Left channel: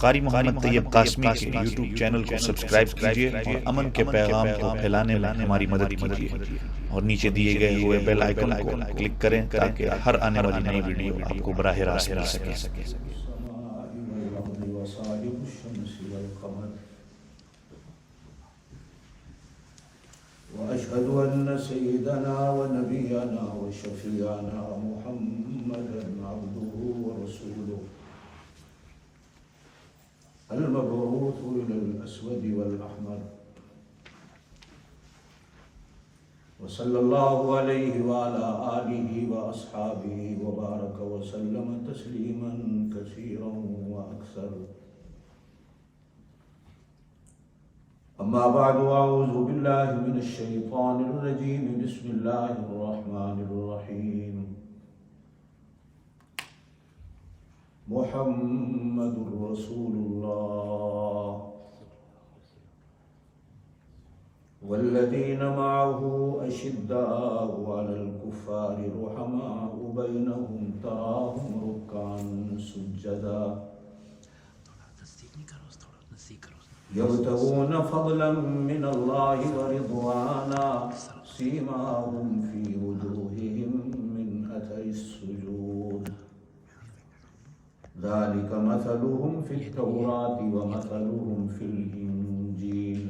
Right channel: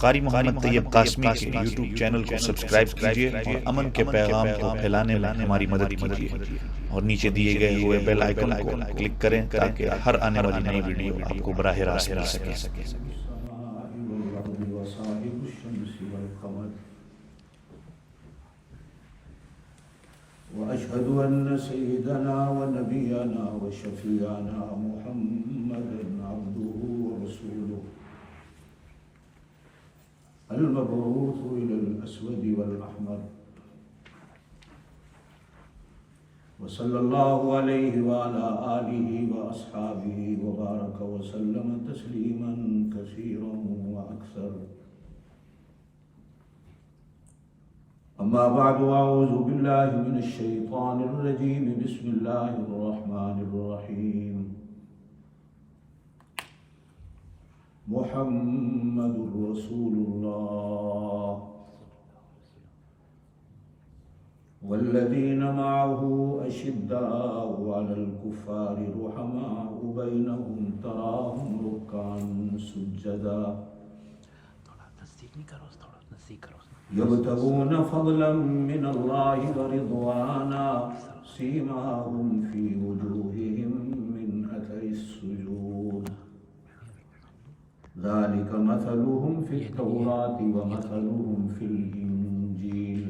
قاری محمد طیب قاسمی کے YouTube channel کو سبسکرائب کیجیے اور امن کے پیغام کو پھیلانے میں ہماری مدد کیجیے اور نیچے دیے گئے ہوئے بیل آئیکن کو کلک کریں تاکہ ہر آنے والی نئی ویڈیو آپ کو براہ راست مل سکے۔ وأشهد أن سيدنا ونبينا وشفيعنا محمدا عبده ورسوله المبعوث إلى الأسود والأحمر وصلى الله عليه وعلى آله وأصحابه وبارك وسلم تسليما كثيرا وأكثر. أما بعد أعوذ بالله من الشيطان الرجيم بسم الله الرحمن الرحيم. محمد رسول الله والذين معه أشداء على الكفار رحماء بينهم تراهم ركعا سجدا يبتغون فضلا من الله ورضوانا سيماهم في وجوههم من أثر السجود ذلك مثلهم في التوراة ومثلهم في الإنجيل.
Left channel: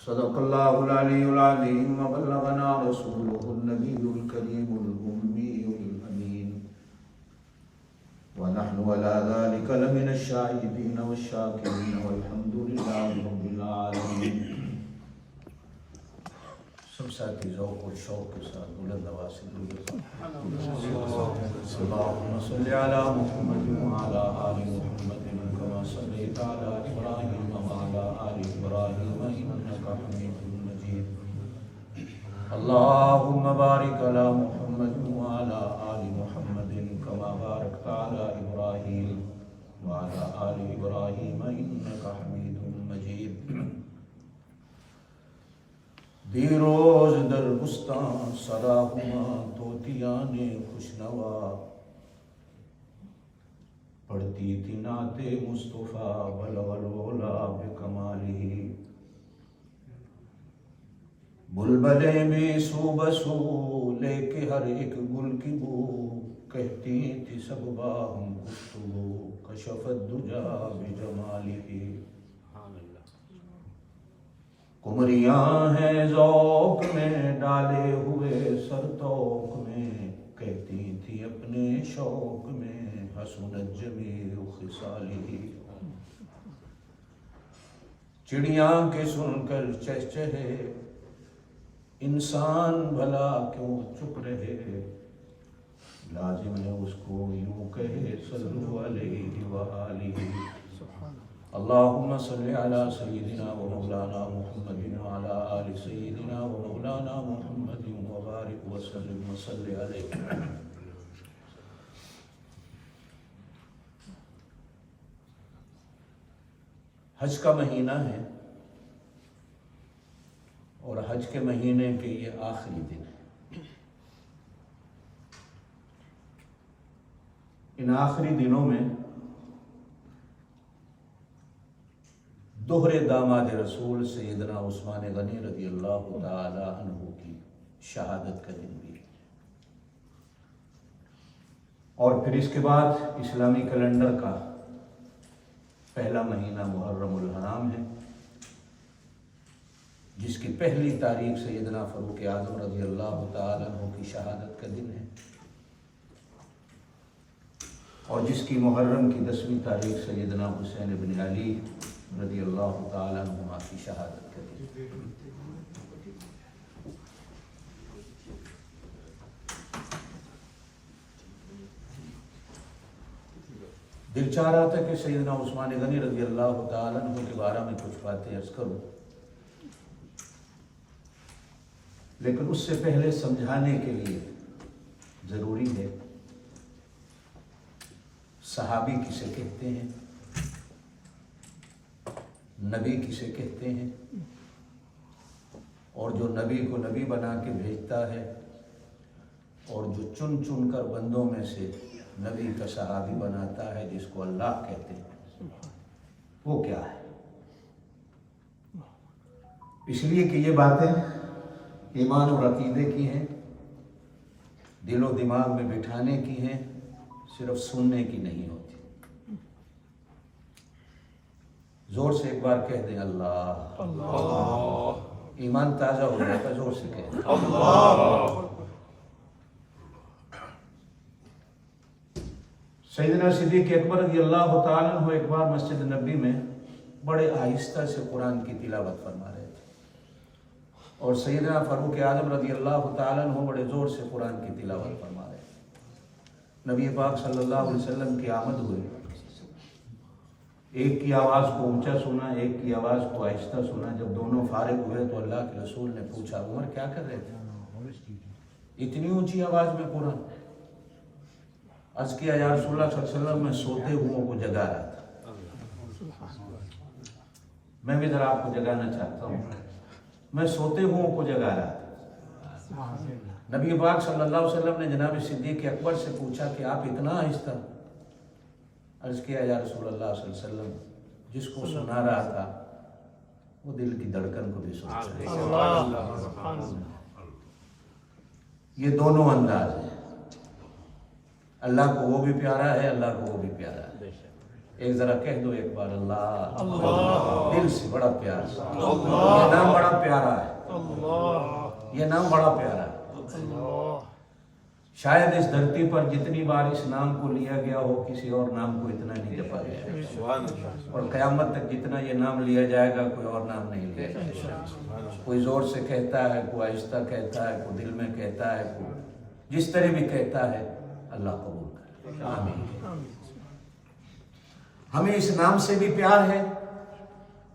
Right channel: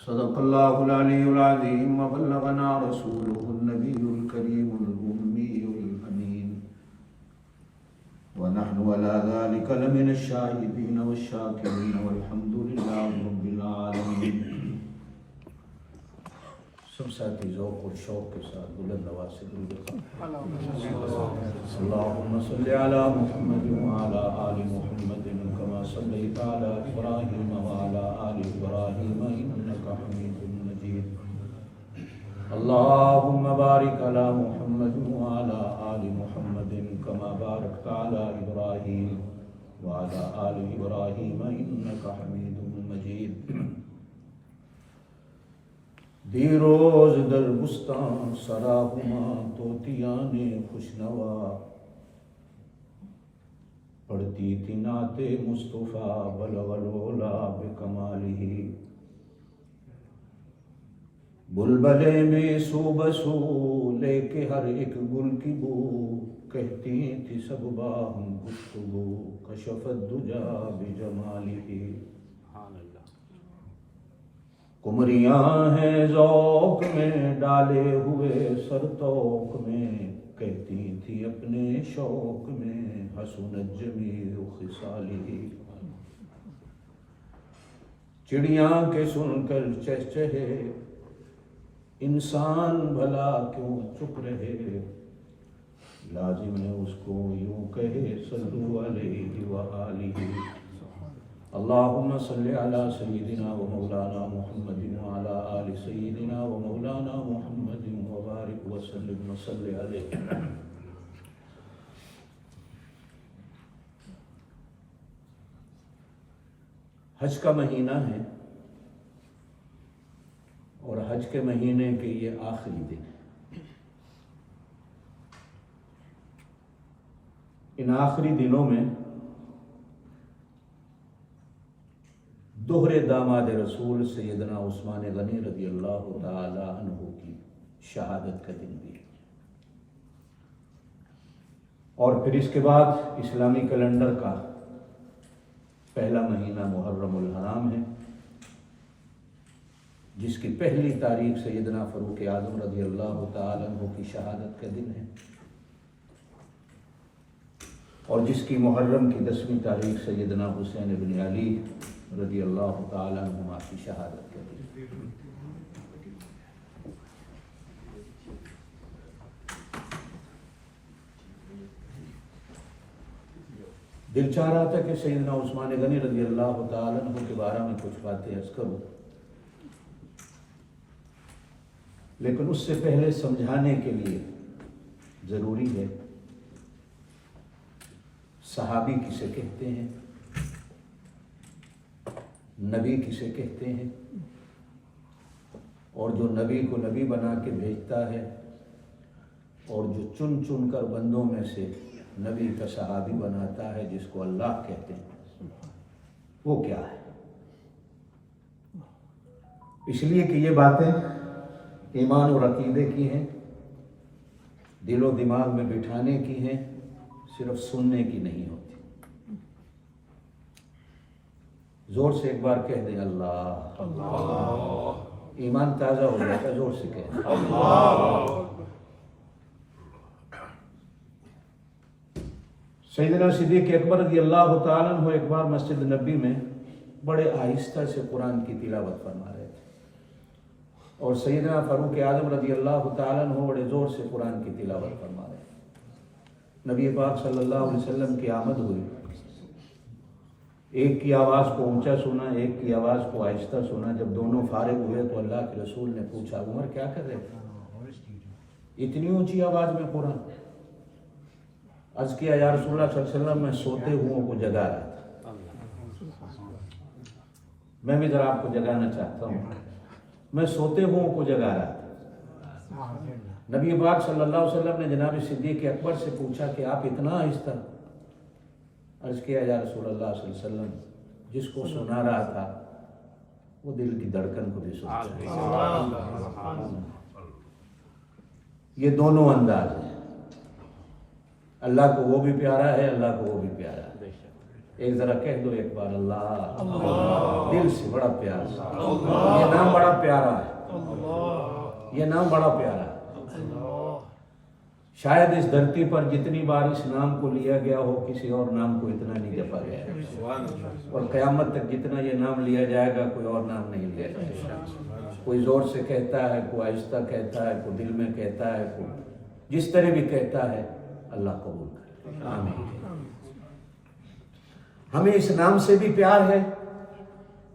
صدق الله العلي العظيم وبلغنا رسوله النبي الكريم الأمي الأمين ونحن على ذلك لمن الشاهدين والشاكرين والحمد لله رب العالمين. سب ساتھی ذوق اور شوق کے ساتھ بلند آواز سے درود اللهم صل على محمد وعلى آل محمد كما صليت على إبراهيم وعلى آل إبراهيم إنك حميد مجيد. اللهم بارك على محمد وعلى آل محمد كما باركت على إبراهيم وعلى آل إبراهيم إنك حميد مجيد. دیروز در بستان سراہما طوطیان خوشنوا پڑھتی تھی نعت مصطفیٰ بلغ العلا بکمالہ. بلبلے میں سو بسو لے کے ہر ایک گل کی بو کہتی تھی سب باہم گفتگو کشف الدجا بجمالہ. کمریاں ہیں ذوق میں ڈالے ہوئے سرتوق میں کہتی تھی اپنے شوق میں حسنت جمیع خصالہ. چڑیاں کے سن کر چہچہے انسان بھلا کیوں چپ رہے لازم ہے اس کو یوں کہے صلو علیہ وآلہ. اللهم صل على سيدنا ومولانا محمد وعلى آل سيدنا ومولانا محمد وبارك وسلم وصل عليه. حج کا مہینہ ہے اور حج کے مہینے کے یہ آخری دن ہے. ان آخری دنوں میں دوہرے داماد رسول سیدنا عثمان غنی رضی اللہ تعالی عنہ کی شہادت کا دن بھی ہے اور پھر اس کے بعد اسلامی کیلنڈر کا پہلا مہینہ محرم الحرام ہے جس کی پہلی تاریخ سیدنا فاروق اعظم رضی اللہ تعالی عنہ کی شہادت کا دن ہے اور جس کی محرم کی 10ویں تاریخ سیدنا حسین بن علی رضی اللہ تعالیٰ عنہما کی شہادت کر دی. دل چاہ رہا تھا کہ سیدنا عثمان غنی رضی اللہ تعالیٰ عنہ کے بارے میں کچھ باتیں عرض کروں لیکن اس سے پہلے سمجھانے کے لیے ضروری ہے صحابی کسے کہتے ہیں، نبی کسے کہتے ہیں، اور جو نبی کو نبی بنا کے بھیجتا ہے اور جو چن چن کر بندوں میں سے नबी का सहाबी बनाता है जिसको अल्लाह कहते हैं, वो क्या है। इसलिए कि ये बातें ईमान और अकीदे की हैं, दिलो दिमाग में बिठाने की हैं, सिर्फ सुनने की नहीं होती। जोर से एक बार कह दें अल्लाह, अल्लाह, ईमान ताजा हो जाएगा। जोर से कह दें अल्लाह। सैयदना सिद्दीक़ अकबर रज़ियल्लाहु ताला अन्हु एक बार मस्जिद नबी में बड़े आहिस्ता से कुरान की तिलावत फरमा रहे थे, और सैयदना फारूक आज़म रज़ियल्लाहु ताला अन्हु बड़े ज़ोर से कुरान की तिलावत फरमा रहे थे। नबी पाक सल्लल्लाहु अलैहि वसल्लम की आमद हुई, एक की आवाज़ को ऊंचा सुना, एक की आवाज़ को आहिस्ता सुना। जब दोनों फारिग हुए तो अल्लाह के रसूल ने पूछा, उमर क्या कर रहे थे, इतनी ऊंची आवाज़ में कुरान? अर्ज़ किया, या रसूलुल्लाह सल्लल्लाहु अलैहि वसल्लम, मैं सोते हुओं को जगा रहा था। मैं भी जरा आपको जगाना चाहता हूँ, मैं सोते हुओं को जगा रहा था। नबी पाक सल्लल्लाहु अलैहि वसल्लम ने जनाब सिद्दीक़ अकबर से पूछा कि आप इतना आहिस्ता? अर्ज़ किया, या रसूलल्लाह सल्लल्लाहु अलैहि वसल्लम, जिसको सुना रहा था वो दिल की धड़कन को भी सुनता है। ये दोनों अंदाज हैं, अल्लाह को वो भी प्यारा है, अल्लाह को वो भी प्यारा है। एक जरा कह दो एक बार अल्लाह, अल्लाह, दिल से बड़ा प्यार। ये नाम बड़ा प्यारा है, ये नाम बड़ा प्यारा है। शायद इस धरती पर जितनी बार इस नाम को लिया गया हो, किसी और नाम को इतना नहीं जपा गया, और क़यामत तक जितना ये नाम लिया जाएगा कोई और नाम नहीं लिया जाएगा। कोई जोर से कहता है, कोई आहिस्ता कहता है, कोई दिल में कहता है, कोई जिस तरह भी कहता है। अल्लाह कबूल करे, आमीन। हमें इस नाम से भी प्यार है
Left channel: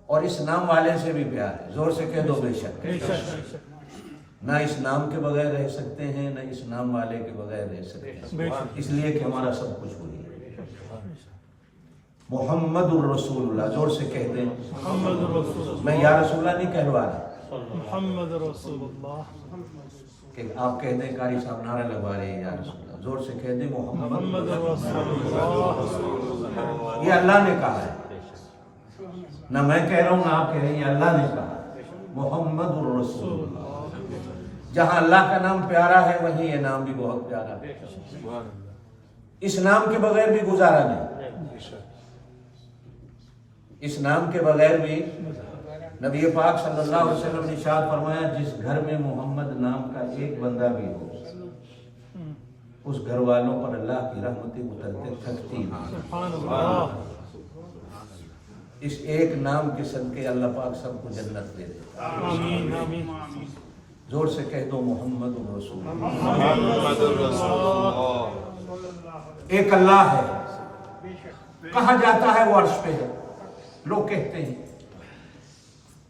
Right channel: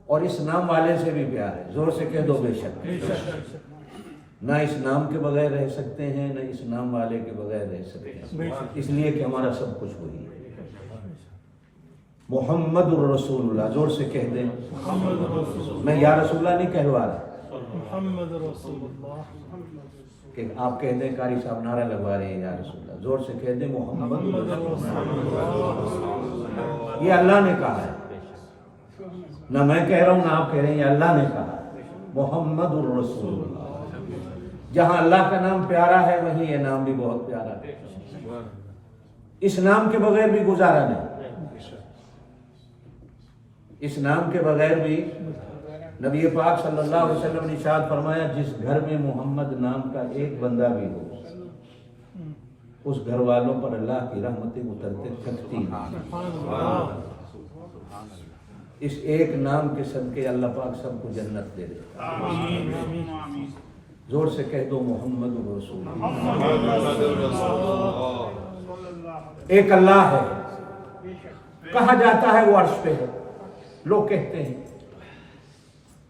और इस नाम वाले से भी प्यार है। जोर से कह दो बेशक। ना इस नाम के बगैर रह सकते हैं, ना इस नाम वाले के बगैर रह सकते हैं, इसलिए कि हमारा सब कुछ वही है। मुहम्मदुर रसूलुल्लाह, जोर से कह दें। मैं या रसूलुल्लाह नहीं कहलवा रहा, मुहम्मद रसूलुल्लाह। कि आप कह दें कारी साहब नारा लगवा रहे हैं या रसूलुल्लाह, जोर से कह दें मुहम्मद रसूलुल्लाह। ये अल्लाह ने कहा है, ना मैं कह रहा हूँ ना आप कह रहे हैं, अल्लाह ने कहा मुहम्मदुर रसूलुल्लाह। जहाँ अल्लाह का नाम प्यारा है वहीं ये नाम भी बहुत प्यारा है। इस नाम के बगैर भी गुजारा नहीं, इस नाम के बगैर भी। नबी पाक सल्लल्लाहु अलैहि वसल्लम ने इरशाद फरमाया, जिस घर में मोहम्मद नाम का एक बंदा भी हो, उस घर वालों पर अल्लाह की रहमतें उतरते थकती नहीं। इस एक नाम के सदके अल्लाह पाक सबको जन्नत दे देता है। जोर से कह दो मोहम्मद रसूलुल्लाह। एक अल्लाह है, कहा जाता है वो अर्श पे है। लोग कहते हैं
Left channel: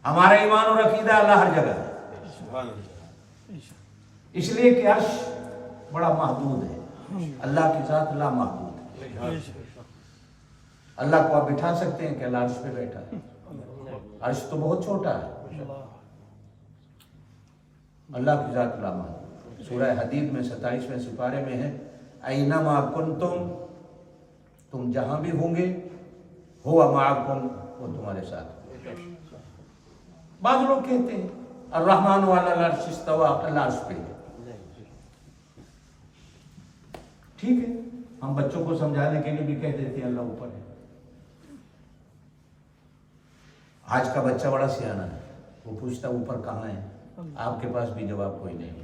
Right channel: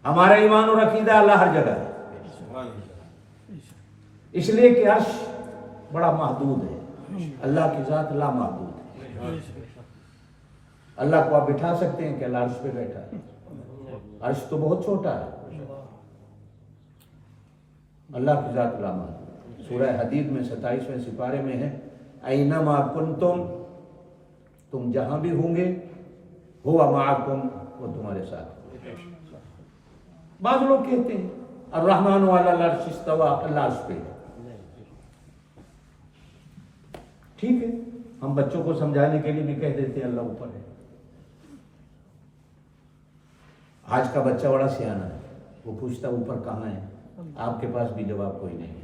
हमारा ईमान और अकीदा अल्लाह हर जगह है, इसलिए कि अर्श बड़ा महदूद है, अल्लाह की जात ला महदूद है। अल्लाह को आप बिठा सकते हैं कि अल्लाह अर्श पे बैठा है? अर्श तो बहुत छोटा है, अल्लाह की जात ला महदूद। सूरह हदीद में 27वें सिपारे में है, ऐनमा कुंतुम, तुम जहां भी होंगे, हुवा माअकुम, वो तुम्हारे साथ। बाद लोग कहते हैं अर्रहमान अलल अर्श इस्तवा, अल्लाह अर्श पे है। ठीक है, हम बच्चों को समझाने के लिए भी कह देते हैं अल्लाह ऊपर है। आज का बच्चा बड़ा सियाना है, वो पूछता ऊपर कहाँ है, आपके पास भी जवाब कोई नहीं,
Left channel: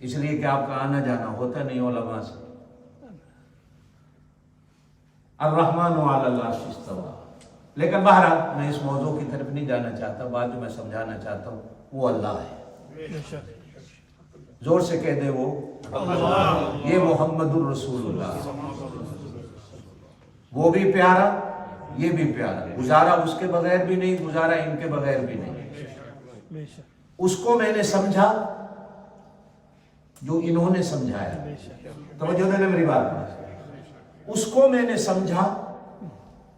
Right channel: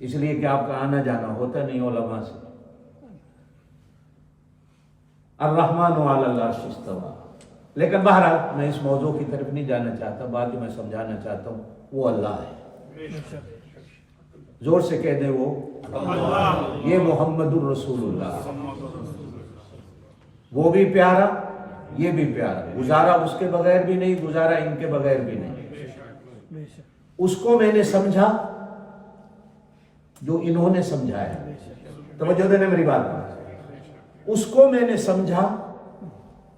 इसलिए कि आपका आना जाना होता नहीं उलमा से। अर्रहमान अलल अर्श इस्तवा। लेकिन बहरहाल मैं इस मौजू की तरफ नहीं जाना चाहता, बात जो मैं समझाना चाहता हूँ वो अल्लाह है। जोर से कह दे वो अल्लाह। ये मोहम्मदुर रसूलुल्लाह, वो भी प्यारा, ये भी प्यारा। गुजारा उसके बगैर भी नहीं, गुजारा इनके बगैर भी नहीं। उसको मैंने समझा जो इन्होंने समझाया। तवज्जो देना मेरी बात पर। उसको मैंने समझा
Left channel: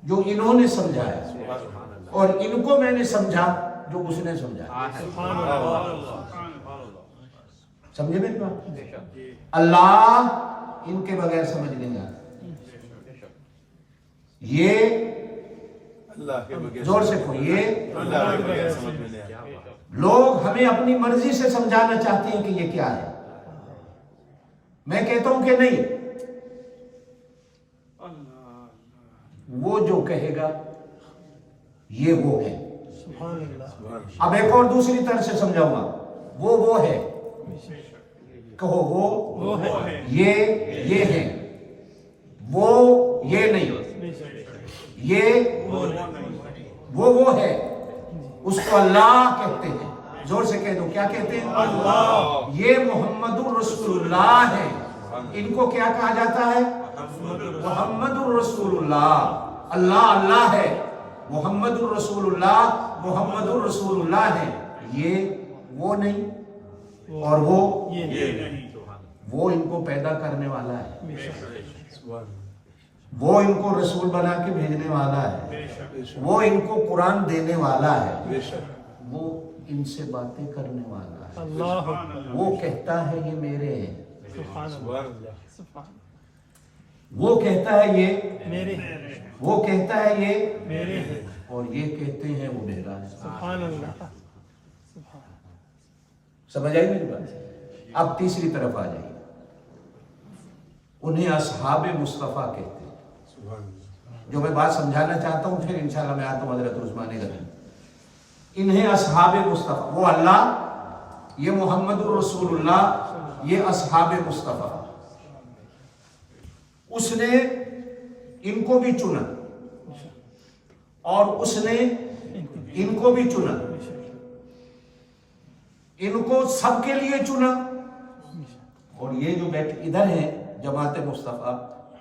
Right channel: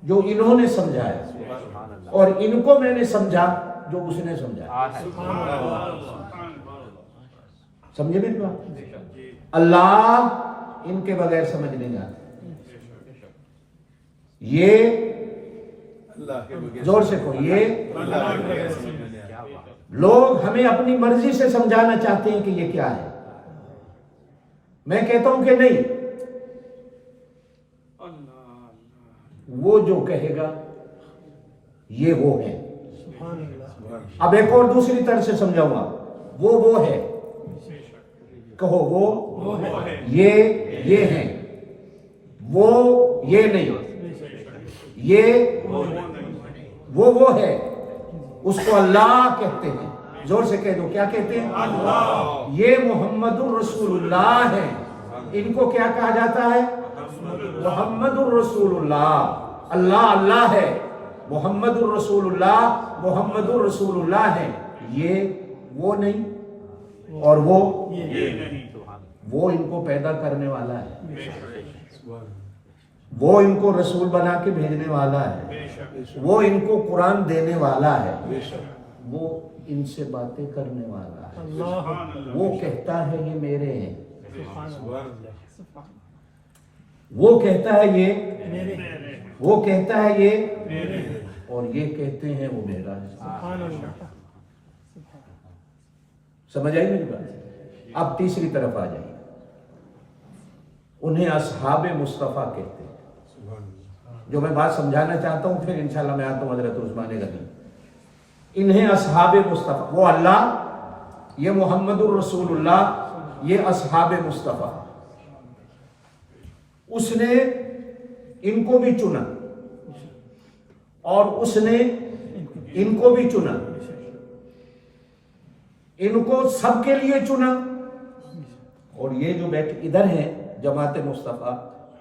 जो इन्होंने समझाया, और इनको मैंने समझा जो उसने समझाया। समझे मेरी बात? अल्लाह इनके बगैर समझ नहीं आता। ये जोर से कहो, ये लोग हमें अपनी मर्जी से समझाना चाहते हैं कि ये क्या है। मैं कहता हूं कि नहीं, वो जो कहेगा ये वो है। अब एक और दूसरी तरह से समझाऊंगा, वो है, कहो वो है, ये हैं, वो ये नहीं, ये वो है, उसको अल्लाह कहते हैं। जोर से कह दो, क्या कहते हैं? अल्लाह। ये मोहम्मदुर रसूलुल्लाह है। इनको क्या कहा जाता है? मोहम्मदुर रसूलुल्लाह। अल्लाह अल्लाह है, मोहम्मदुर रसूलुल्लाह है। ये वो नहीं और वो ये नहीं, वो इनको पैदा करने वाला है, वो इनको रसूल बना के भेजने वाला है, वो इनको कुरान देने वाला है, वो इनसे बातें करने वाला है। वो कहता है ये मेरे हैं, वो कहता है ये मेरे हैं, वो कहता है ये मेरे हैं, और ये कहते हैं वो मेरा है। समझ आई मेरी बात? अब तीसरी तरफ आ जाइए। उन्हें असहाबे मुस्तफ़ा कहते हैं। जो मैं बात समझाना चाहता हूं, फिर इंशाल्लाह मैं आता हूं हज़रत उस्मान गनी। इन्हें असहाबे मुस्तफ़ा, वो अल्लाह, ये मोहम्मदुर रसूलुल्लाह, ये असहाबे मुस्तफ़ा। उसने इनको भी चुना और उसने इनको भी चुना, इनको सबके लिए चुना। और ये जो बैठे इधर हैं जमात मुस्तफ़ा,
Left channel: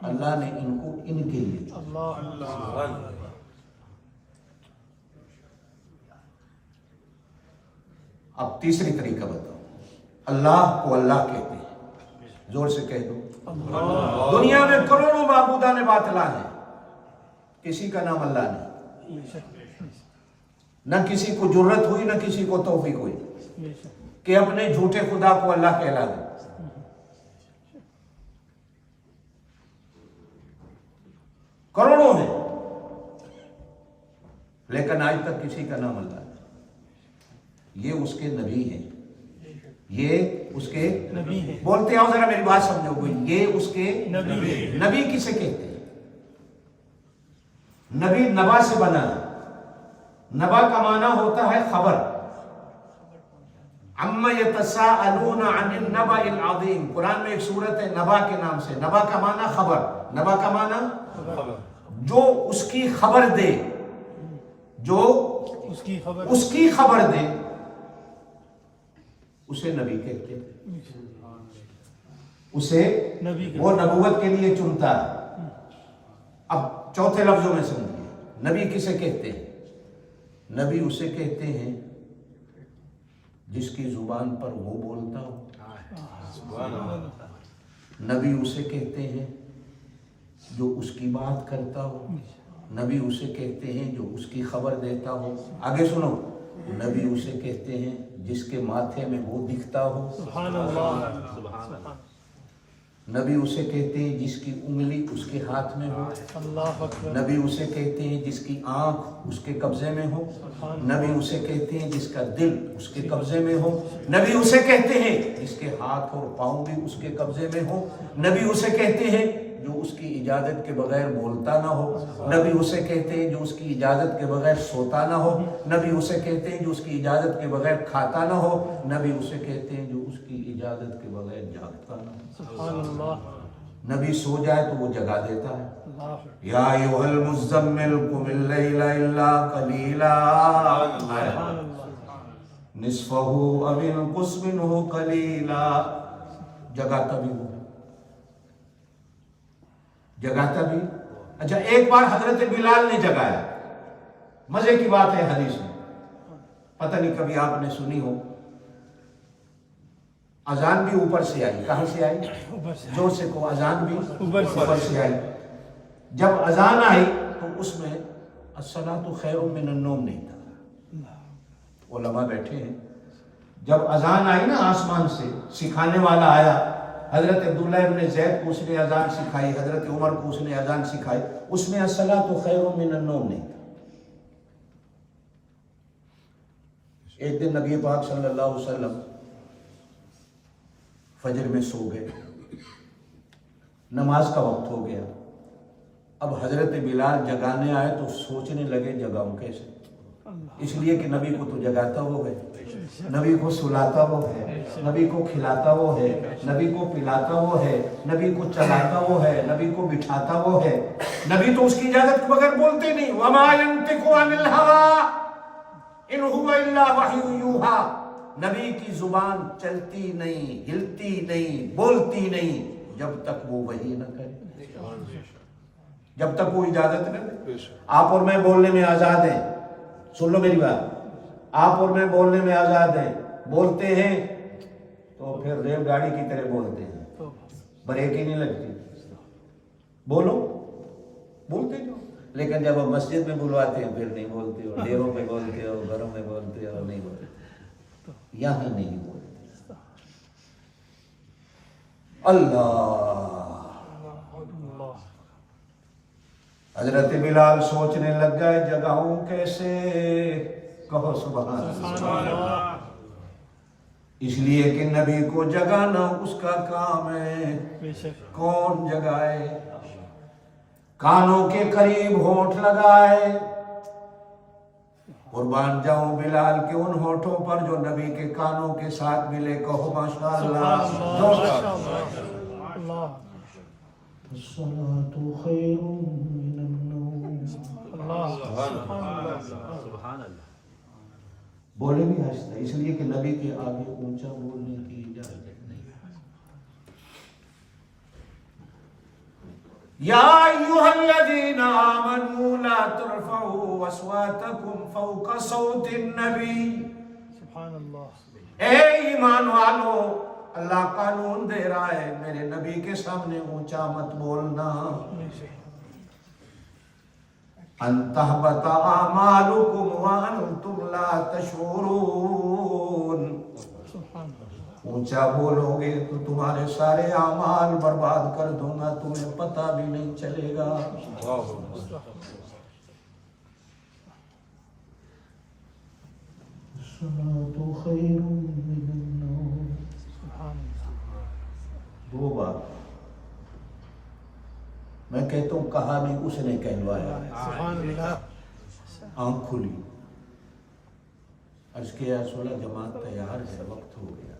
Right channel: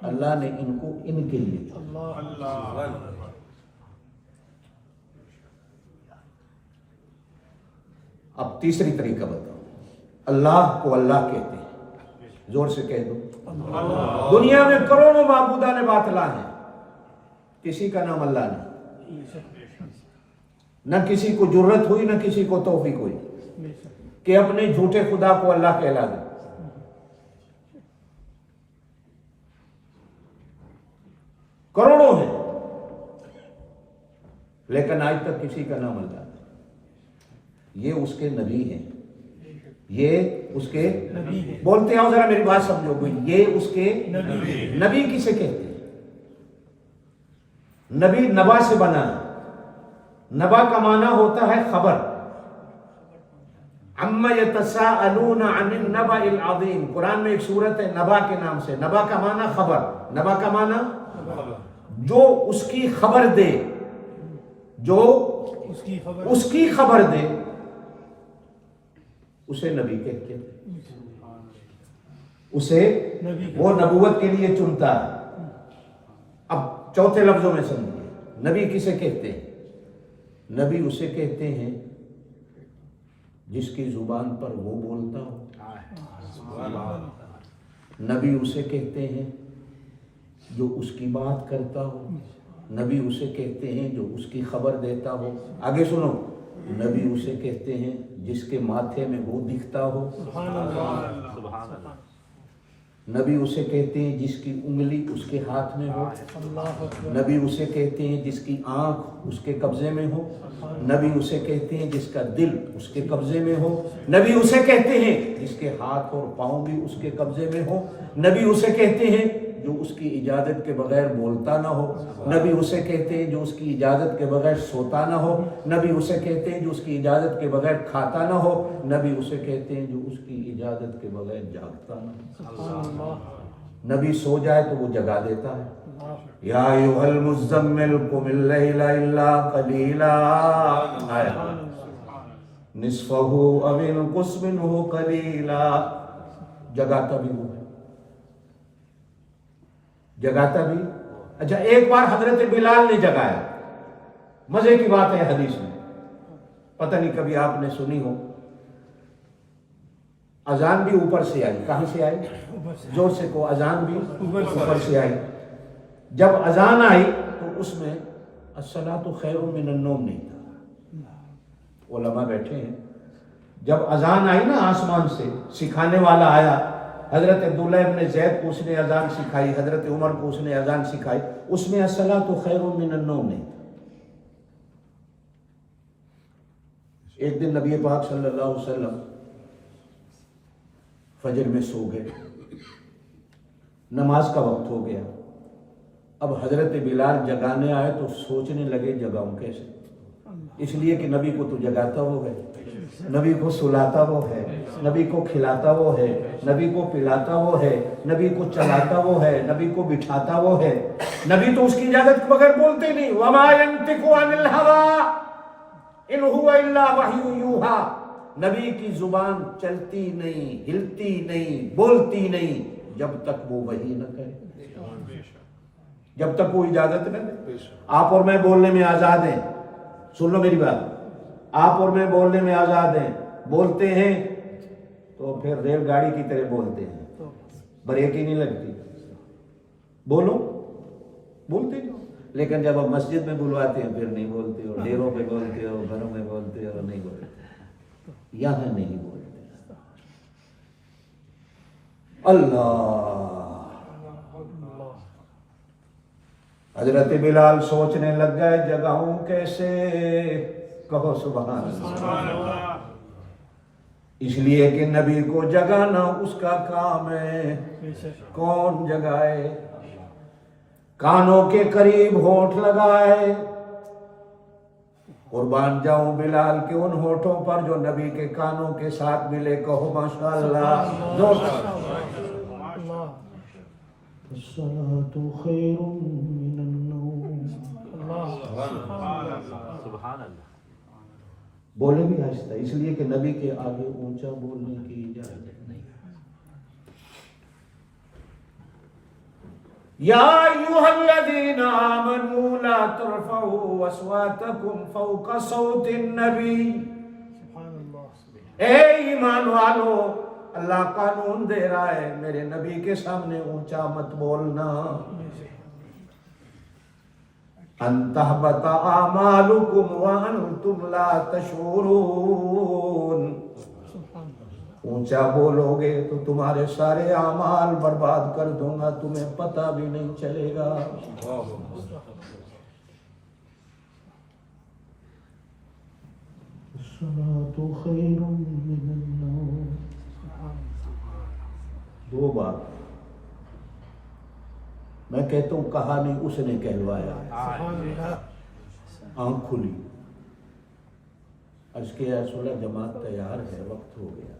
अल्लाह ने इनको इनके लिए चुना। अब तीसरी तरीका बताओ। अल्लाह को अल्लाह कहते हैं, जोर से कह दो। दुनिया में करोड़ों माबूदान बातिला हैं, किसी का नाम अल्लाह नहीं। न किसी को जुर्रत हुई, न किसी को तौफीक हुई कि अपने झूठे खुदा को अल्लाह कहला दे। करोड़ों हैं, लेकिन आज तक किसी का नाम अल्लाह नहीं। ये उसके नबी हैं, ये उसके नबी हैं। बोलते आओ जरा, मेरी बात समझो कोई। ये उसके नबी किसे कहते हैं? नबी नबा से बना है। नबा का माना होता है खबर। अम्मा यतसाअलूना अनिन नबाइल अज़ीम, कुरान में एक सूरत है नबा के नाम से। नबा का माना खबर, नबा का माना जो उसकी खबर दे, जो उसकी खबर दे, उसे नबी कहते हैं। उसे वो नबूवत के लिए चुनता है। अब चौथे लफ्जों में समझिए, नबी किसे कहते हैं? नबी उसे कहते हैं जिसकी जुबान पर वो बोलता हो। नबी उसे कहते हैं जो उसकी बात करता हो। नबी उसे कहते हैं जो उसकी खबर देता हो। आगे सुनो, नबी उसे कहते हैं जिसके माथे में वो दिखता हो। नबी उसे कहते हैं जिसकी उंगली उसके हाथ में हो। नबी उसे कहते हैं जिसकी आंख उसके कब्जे में हो। नबी उसे कहते हैं जिसका दिल उसके कब्जे में हो। नबी उसे कहते हैं जिसके हाथ और पांव भी उसके कब्जे में हो। नबी उसे कहते हैं जो उसकी इजाजत के बगैर बोलता ना हो। नबी उसे कहते हैं जो उसकी इजाजत के बगैर सोता ना हो। नबी उसे कहते हैं जो उसकी इजाजत के बगैर खाता ना हो। नबी उसे कहते हैं जो उसकी इजाजत के बगैर जागता ना हो। नबी सो जाए तो वो जगा देता है। या अय्युहल मुज़्ज़म्मिल कुमिल लैला इल्ला कलीला निस्फहु अव इनकुस मिनहु कलीला। जगाता भी वो है, जगाता भी। अच्छा, एक बार हजरत बिलाल ने जगाया। मजे की बात है हदीस में, पता नहीं कभी आपने सुनी हो। अजान भी ऊपर से आई। कहां से आई? जोर से को। अजान भी ऊपर से आई। जब अजान आई तो उसमें अस्सलातु खैरुम मिनन नौम नहीं था। उलमा बैठे हैं, जब अजान आई ना आसमान से, सिखाने वाला आया, حضرت عبداللہ ابن زید کو اس نے اذان سکھائی، حضرت عمر کو اس نے اذان سکھائی، اس میں الصلاۃ خیر من النوم نہیں تھا۔ ایک دن نبی پاک صلی اللہ علیہ وسلم فجر میں سو گئے، نماز کا وقت ہو گیا، اب حضرت بلال جگانے آئے تو سوچنے لگے جگاؤں کیسے، اس لیے کہ نبی کو تو جگاتا وہ ہے، نبی کو سلاتا وہ ہے، نبی کو کھلاتا وہ ہے، نبی کو پلاتا وہ ہے، نبی کو چلاتا وہ ہے، نبی کو بٹھاتا وہ ہے، نبی تو اس کی اجازت کے بغیر بولتے نہیں، وما ينطق عن الهوى ان هو الا وحی یوحی، نبی کی زبان چلتی نہیں، ہلتی نہیں، بولتی نہیں جب تک وہ وحی نہ کرے، جب تک وہ اجازت نہ دے۔ آپ اور میں بولنے میں آزاد ہیں، سن لو میری بات، آپ اور میں بولنے میں آزاد ہیں، بولتے ہیں تو پھر ریل گاڑی کی طرح بولتے ہیں، بریک ہی نہیں لگتی، بولو بولتے جو، لیکن جب آپ مسجد میں بلواتے ہیں پھر نہیں بولتے ہو، ڈیروں میں بولتے ہو، گھروں میں بولتے ہو، نہیں بولتے، یہاں نہیں بولتے۔ اللہ، حضرت بلال سوچنے لگ گئے جگاؤں کیسے، کہو سبحان اللہ، اس لیے کہ نبی کو جگانا اس کا کام ہے، کون جگائے، کانوں کے قریب ہونٹ لگائے، قربان جاؤں بلال کے ان ہونٹوں پر جو نبی کے کانوں کے ساتھ ملے، کہو ماشاءاللہ، الصلاۃ خیر من النوم، بولے بھی آہستہ، اس لیے کہ نبی کے آگے اونچا بولنے کی اجازت نہیں۔ یا ایھا الذین آمنوا لا ترفعوا اصواتکم فوق صوت النبی، سبحان اللہ، اے ایمان والو، اللہ قانون دے رہا ہے میرے نبی کے سامنے اونچا مت بولنا، ان تحبط اعمالکم وانتم لا تشعرون، اونچا بولو گے تو تمہارے سارے اعمال برباد کر دوں گا، تمہیں پتہ بھی نہیں چلے گا۔ الصلاۃ خیر من النوم، دو بار میں کہتا ہوں کہانی اس نے کہلوایا، سبحان اللہ، آنکھ کھلی، عرض کیا رسول اللہ جماعت تیار ہے، وقت ہو گیا،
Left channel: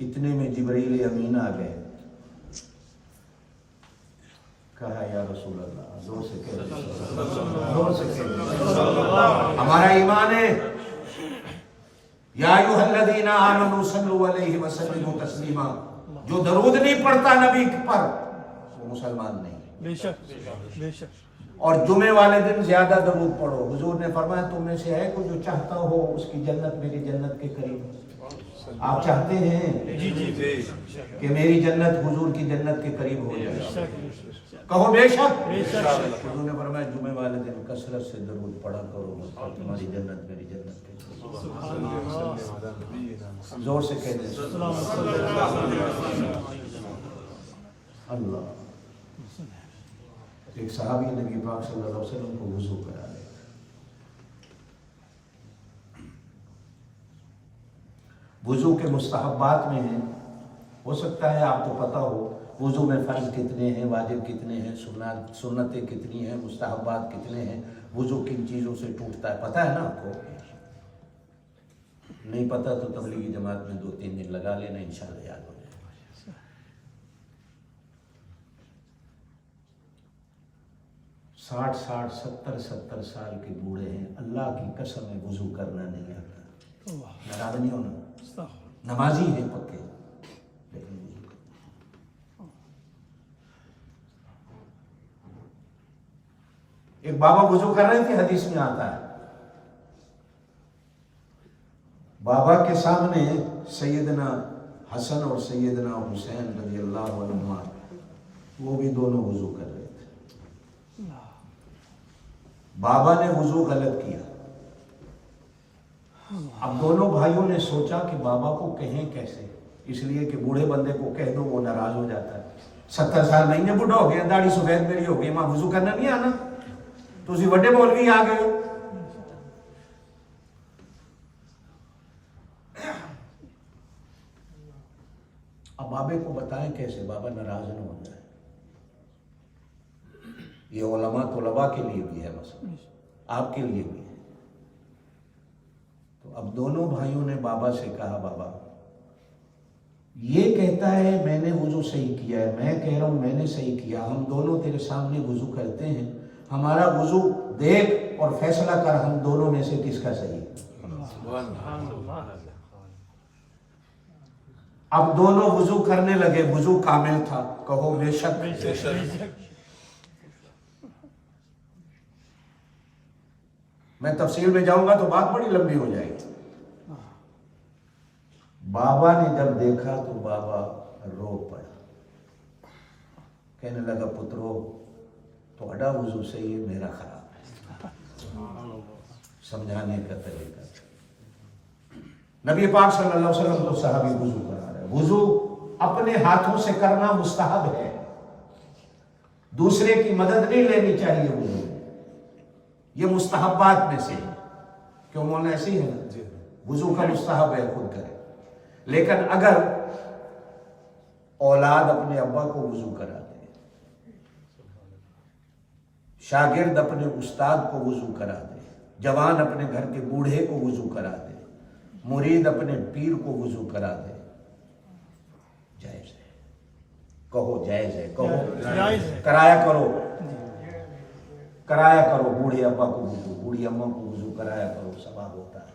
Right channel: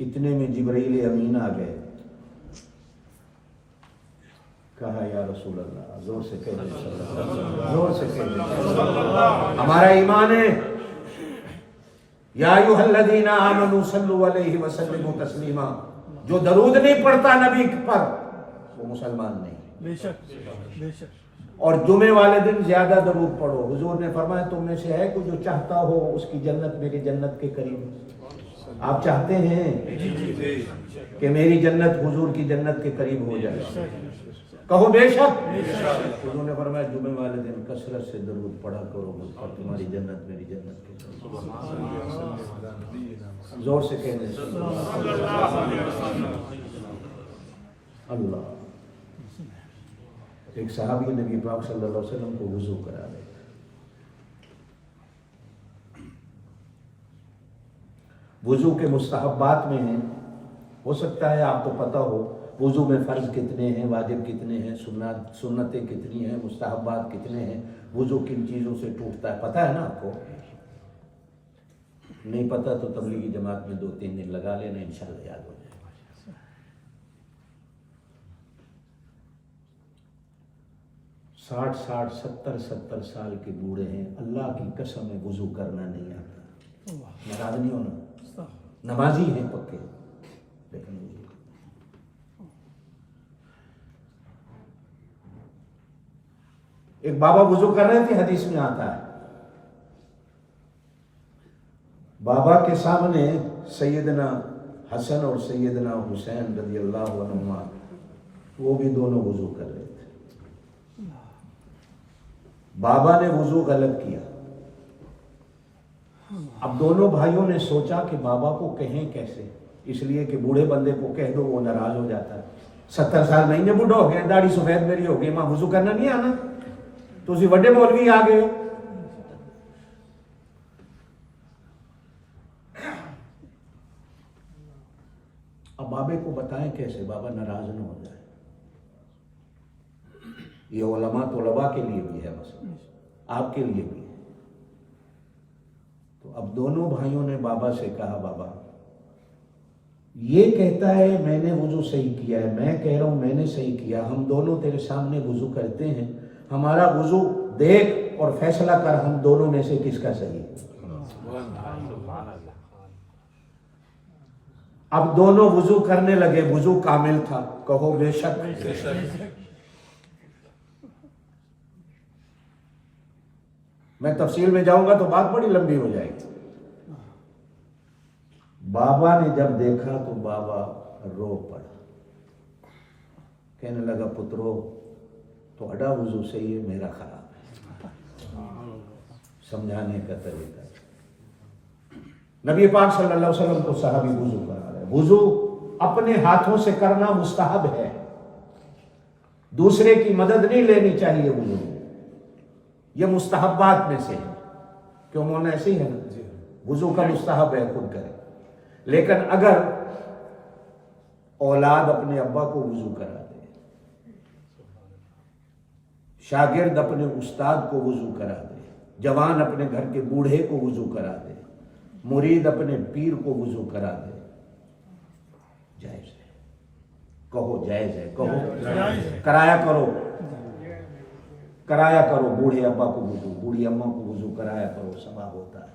اتنے میں جبرائیل امین آ گئے، کہا یا رسول اللہ، زور سے کہہ دیں، زور سے کہہ دیں، ہمارا ایمان ہے، یا ایھا الذین آمنوا صلوا علیہ وسلموا تسلیما، جو درود نہیں پڑھتا نبی پر وہ مسلمان نہیں، بے شک بے شک، اور جمعے والے دن زیادہ درود پڑھو، حضور نے فرمایا تم میں سے ہے کوئی جو چاہتا ہو اس کی جنت میری جنت کے قریب ہو، آپ چاہتے ہیں کہ میری جنت حضور کی جنت کے قریب ہو جائے، کہو بے شک، حضور نے فرمایا جمعے والے دن کثرت سے درود پڑھا کرو، تمہاری جنت میری جنت کے قریب، زور سے کہہ دیں اللہ۔ ایک صحابی نبی پاک صلی اللہ علیہ وسلم کو وضو کرا رہے تھے، وضو کے مستحبات میں ہیں، ہو سکتا ہے آپ کو پتہ ہو وضو میں فرض کتنے ہیں، واجب کتنے ہیں، سنتیں کتنی ہیں، مستحبات کتنے ہیں، وضو کن چیزوں سے ٹوٹتا ہے، پتہ ہے نا آپ کو؟ نہیں پتہ تو تبلیغی جماعت میں 2-3 دن لگا لینا، انشاءاللہ یاد ہو جائے۔ 60-70 سال کے بوڑھے ہیں، اللہ کی قسم ہے وضو کرنا نہیں آتا، ناراض نہیں ہونا، نمازی ہیں پکے، لیکن وضو ایک بابا وضو کر رہے تھے، حدیث میں آتا ہے بابا کے سامنے سیدنا حسن اور سیدنا حسین رضی اللہ عنہما، وہ بھی دونوں وضو کر رہے تھے، بابا نے وضو غلط کیا، اب دونوں بھائیوں نے سوچا کہ بابا کو کہیں کیسے، اس لیے کہ بوڑھے بندے کو کہہ دو وہ ناراض ہو جاتا ہے. 70 سال نہیں ہے, بوڑھا ہو گیا, داڑھی سفید میری ہو گئی, ماں وضو کرنا نہیں آنا, تو اسی بڑے مولوی آ گئے ہو. اب بابے کو بتائیں کیسے بابا ناراض نہ ہو جائے. یہ علماء طلباء کے لیے بھی ہے مسئلہ, آپ کے لیے بھی ہے. تو اب دونوں بھائیوں نے بابا سے کہا بابا یہ کہتا ہے میں نے وضو صحیح کیا ہے, میں کہہ رہا ہوں میں نے صحیح کیا, ہم دونوں تیرے سامنے وضو کرتے ہیں, ہمارا وضو دیکھ اور فیصلہ کر ہم دونوں میں سے کس کا صحیح ہے. اب دونوں وضو کرنے لگے, وضو کامل تھا, کہو بے شک. میں تفصیل میں جاؤں گا تو بات بڑی لمبی ہو جائے گی. بابا نے جب دیکھا تو بابا رو پڑا, کہنے لگا پترو تھوڑا وضو صحیح ہے, میرا خراب ہے. سمجھانے کا طریقہ. نبی پاک صلی اللہ علیہ وسلم کو صحابی وضو کرا رہے. وضو اپنے ہاتھوں سے کرنا مستحب ہے, دوسرے کی مدد نہیں لینی چاہیے. وضو یہ مستحبات میں سے ہے, کیوں مولانا ایسے ہی ہے نا, وضو کا مستحب ہے خود کرے. لیکن اگر اولاد اپنے ابا کو وضو کرا دے, شاگرد اپنے استاد کو وضو کرا دے, جوان اپنے گھر کے بوڑھے کو وضو کرا دے, مرید اپنے پیر کو وضو کرا دے, جائز ہے. کہو جائز ہے, کہو کرایا کرو, کرایا کرو. بوڑھے ابا کو وضو, بوڑھی اماں کو وضو کرایا کرو, ثواب ہوتا ہے.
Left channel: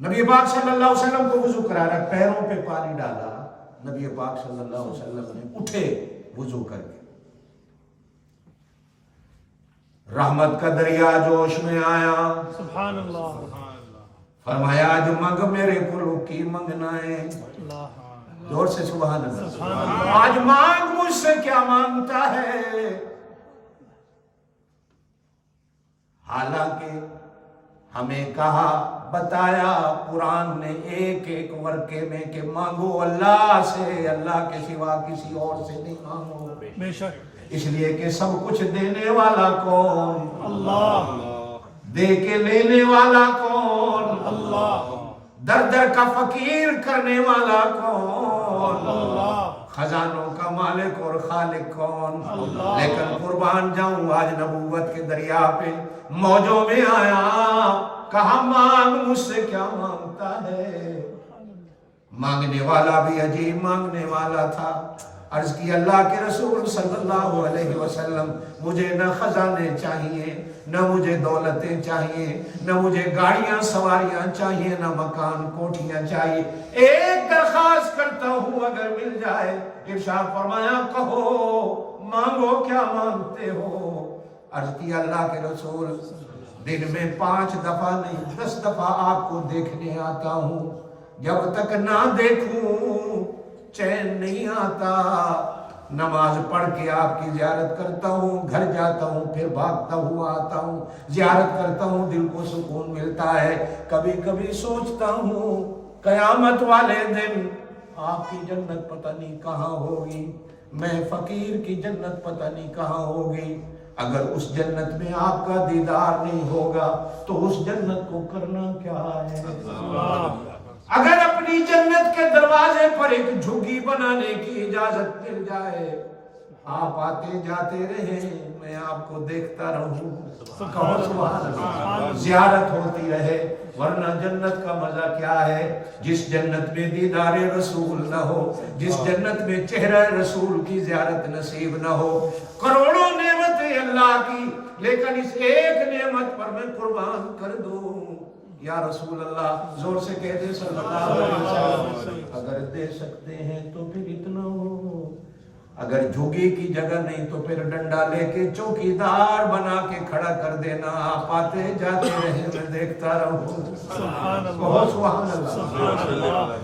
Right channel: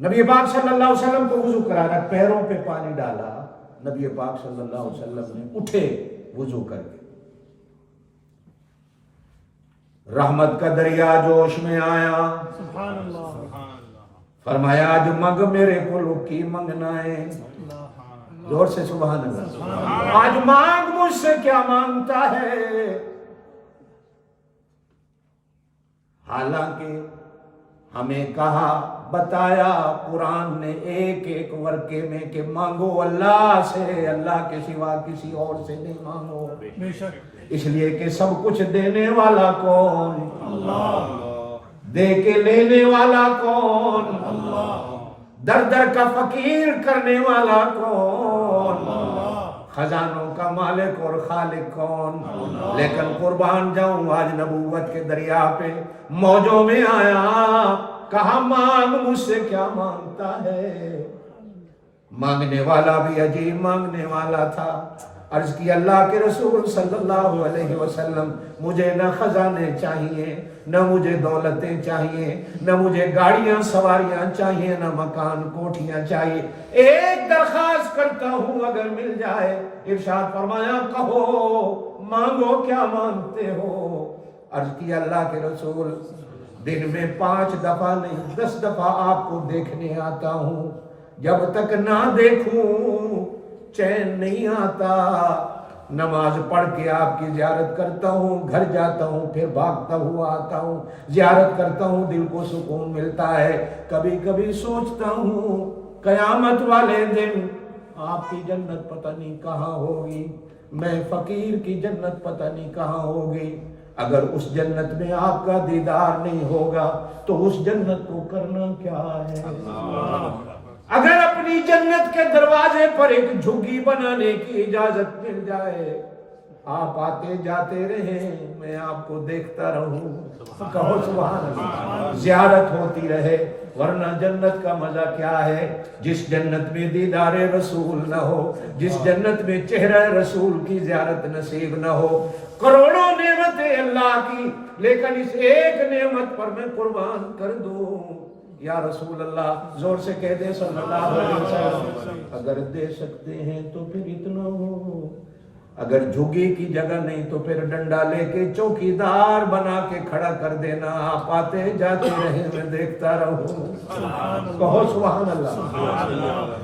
نبی پاک صلی اللہ علیہ وسلم کو وضو کرا رہا, پیروں پہ پانی ڈالا, نبی پاک صلی اللہ علیہ وسلم نے اٹھے وضو کر کے. رحمت کا دریا جوش میں آیا, سبحان اللہ, فرمایا آج منگ میرے کو لکی منگنا ہے. زور سے سبحان اللہ. آج مانگ مجھ سے کیا مانگتا ہے, حالانکہ ہمیں کہا بتایا قرآن نے ایک ایک ورقے میں کہ مانگو اللہ سے, اللہ کے سوا کسی اور سے نہیں مانگو. بے شک. اس لیے کہ سب کچھ دینے والا کون؟ اللہ. دے کے لینے والا کون؟ اللہ. در در کا فقیر کرنے والا کون؟ اللہ. خزانوں کا مالک اور خالق کون؟ اللہ. لیکن قربان جاؤں آج نبوت کے دریا پہ موجوں میں آیا, کہا مانگ مجھ سے کیا مانگتا ہے. مانگنے والا بھی عجیب مانگنے والا تھا. عرض کی اللہ کے رسول صلی اللہ علیہ وسلم مجھے نہ خزانے چاہیے, نہ مجھے دولتیں چاہیے, نہ مجھے گاڑیاں سواریاں چاہیے, نہ مکان کوٹھیاں چاہیے, ایک درخواست کرتا ہوں اگر مل جائے. ارشاد فرمایا کہو مانگو کیا مانگتے ہو. عرض کی اللہ کے رسول دن میں 5 دفعہ نہیں 10 دفعہ آپ کو دیکھنے آتا ہوں, جب تک نہ دیکھوں چین نہیں آتا. نماز پڑھ کے آپ کی زیارت کرتا ہوں, گھر جاتا ہوں, پھر بھاگتا ہوا آتا ہوں, زیارت کرتا ہوں, دل کو سکون ملتا ہے. کبھی کبھی سوچتا ہوں قیامت والے دن آپ کی جنت پتہ نہیں کہاں ہوگی, میں فقیر کی جنت پتہ نہیں کہاں ہوگی. اگر اس جنت میں آپ کا دیدار نہیں ہوگا تو اس جنت کو کرنا کیا ہے. اگر اپنی جنت کے دروازے پر ایک جھگی بنانے کی اجازت مل جائے, آپ آتے جاتے رہیں, میں آپ کو دیکھتا رہوں, کہو سبحان اللہ, زیارت ہوتی رہے. ورنہ جنت کا مزہ کیا ہے, جس جنت میں دیدار رسول نہ ہو, جس جنت میں چہرہ رسول کی زیارت نصیب نہ ہو. کروڑوں نعمتیں اللہ کی, لیکن اس ایک نعمت پر میں قربان کر دوں یا رسول اللہ, زور سے کہہ دے صلی اللہ علیہ وسلم. اگر دے سکتے ہیں تو پھر اتنا ہو, اگر جھگی کی جگہ نہیں تو پھر ڈنڈا لے کے چوکیدار بنا کے کھڑا کر دینا, آپ آتے جاتے رہے, میں دیکھتا رہوں. بہت سبحان اللہ.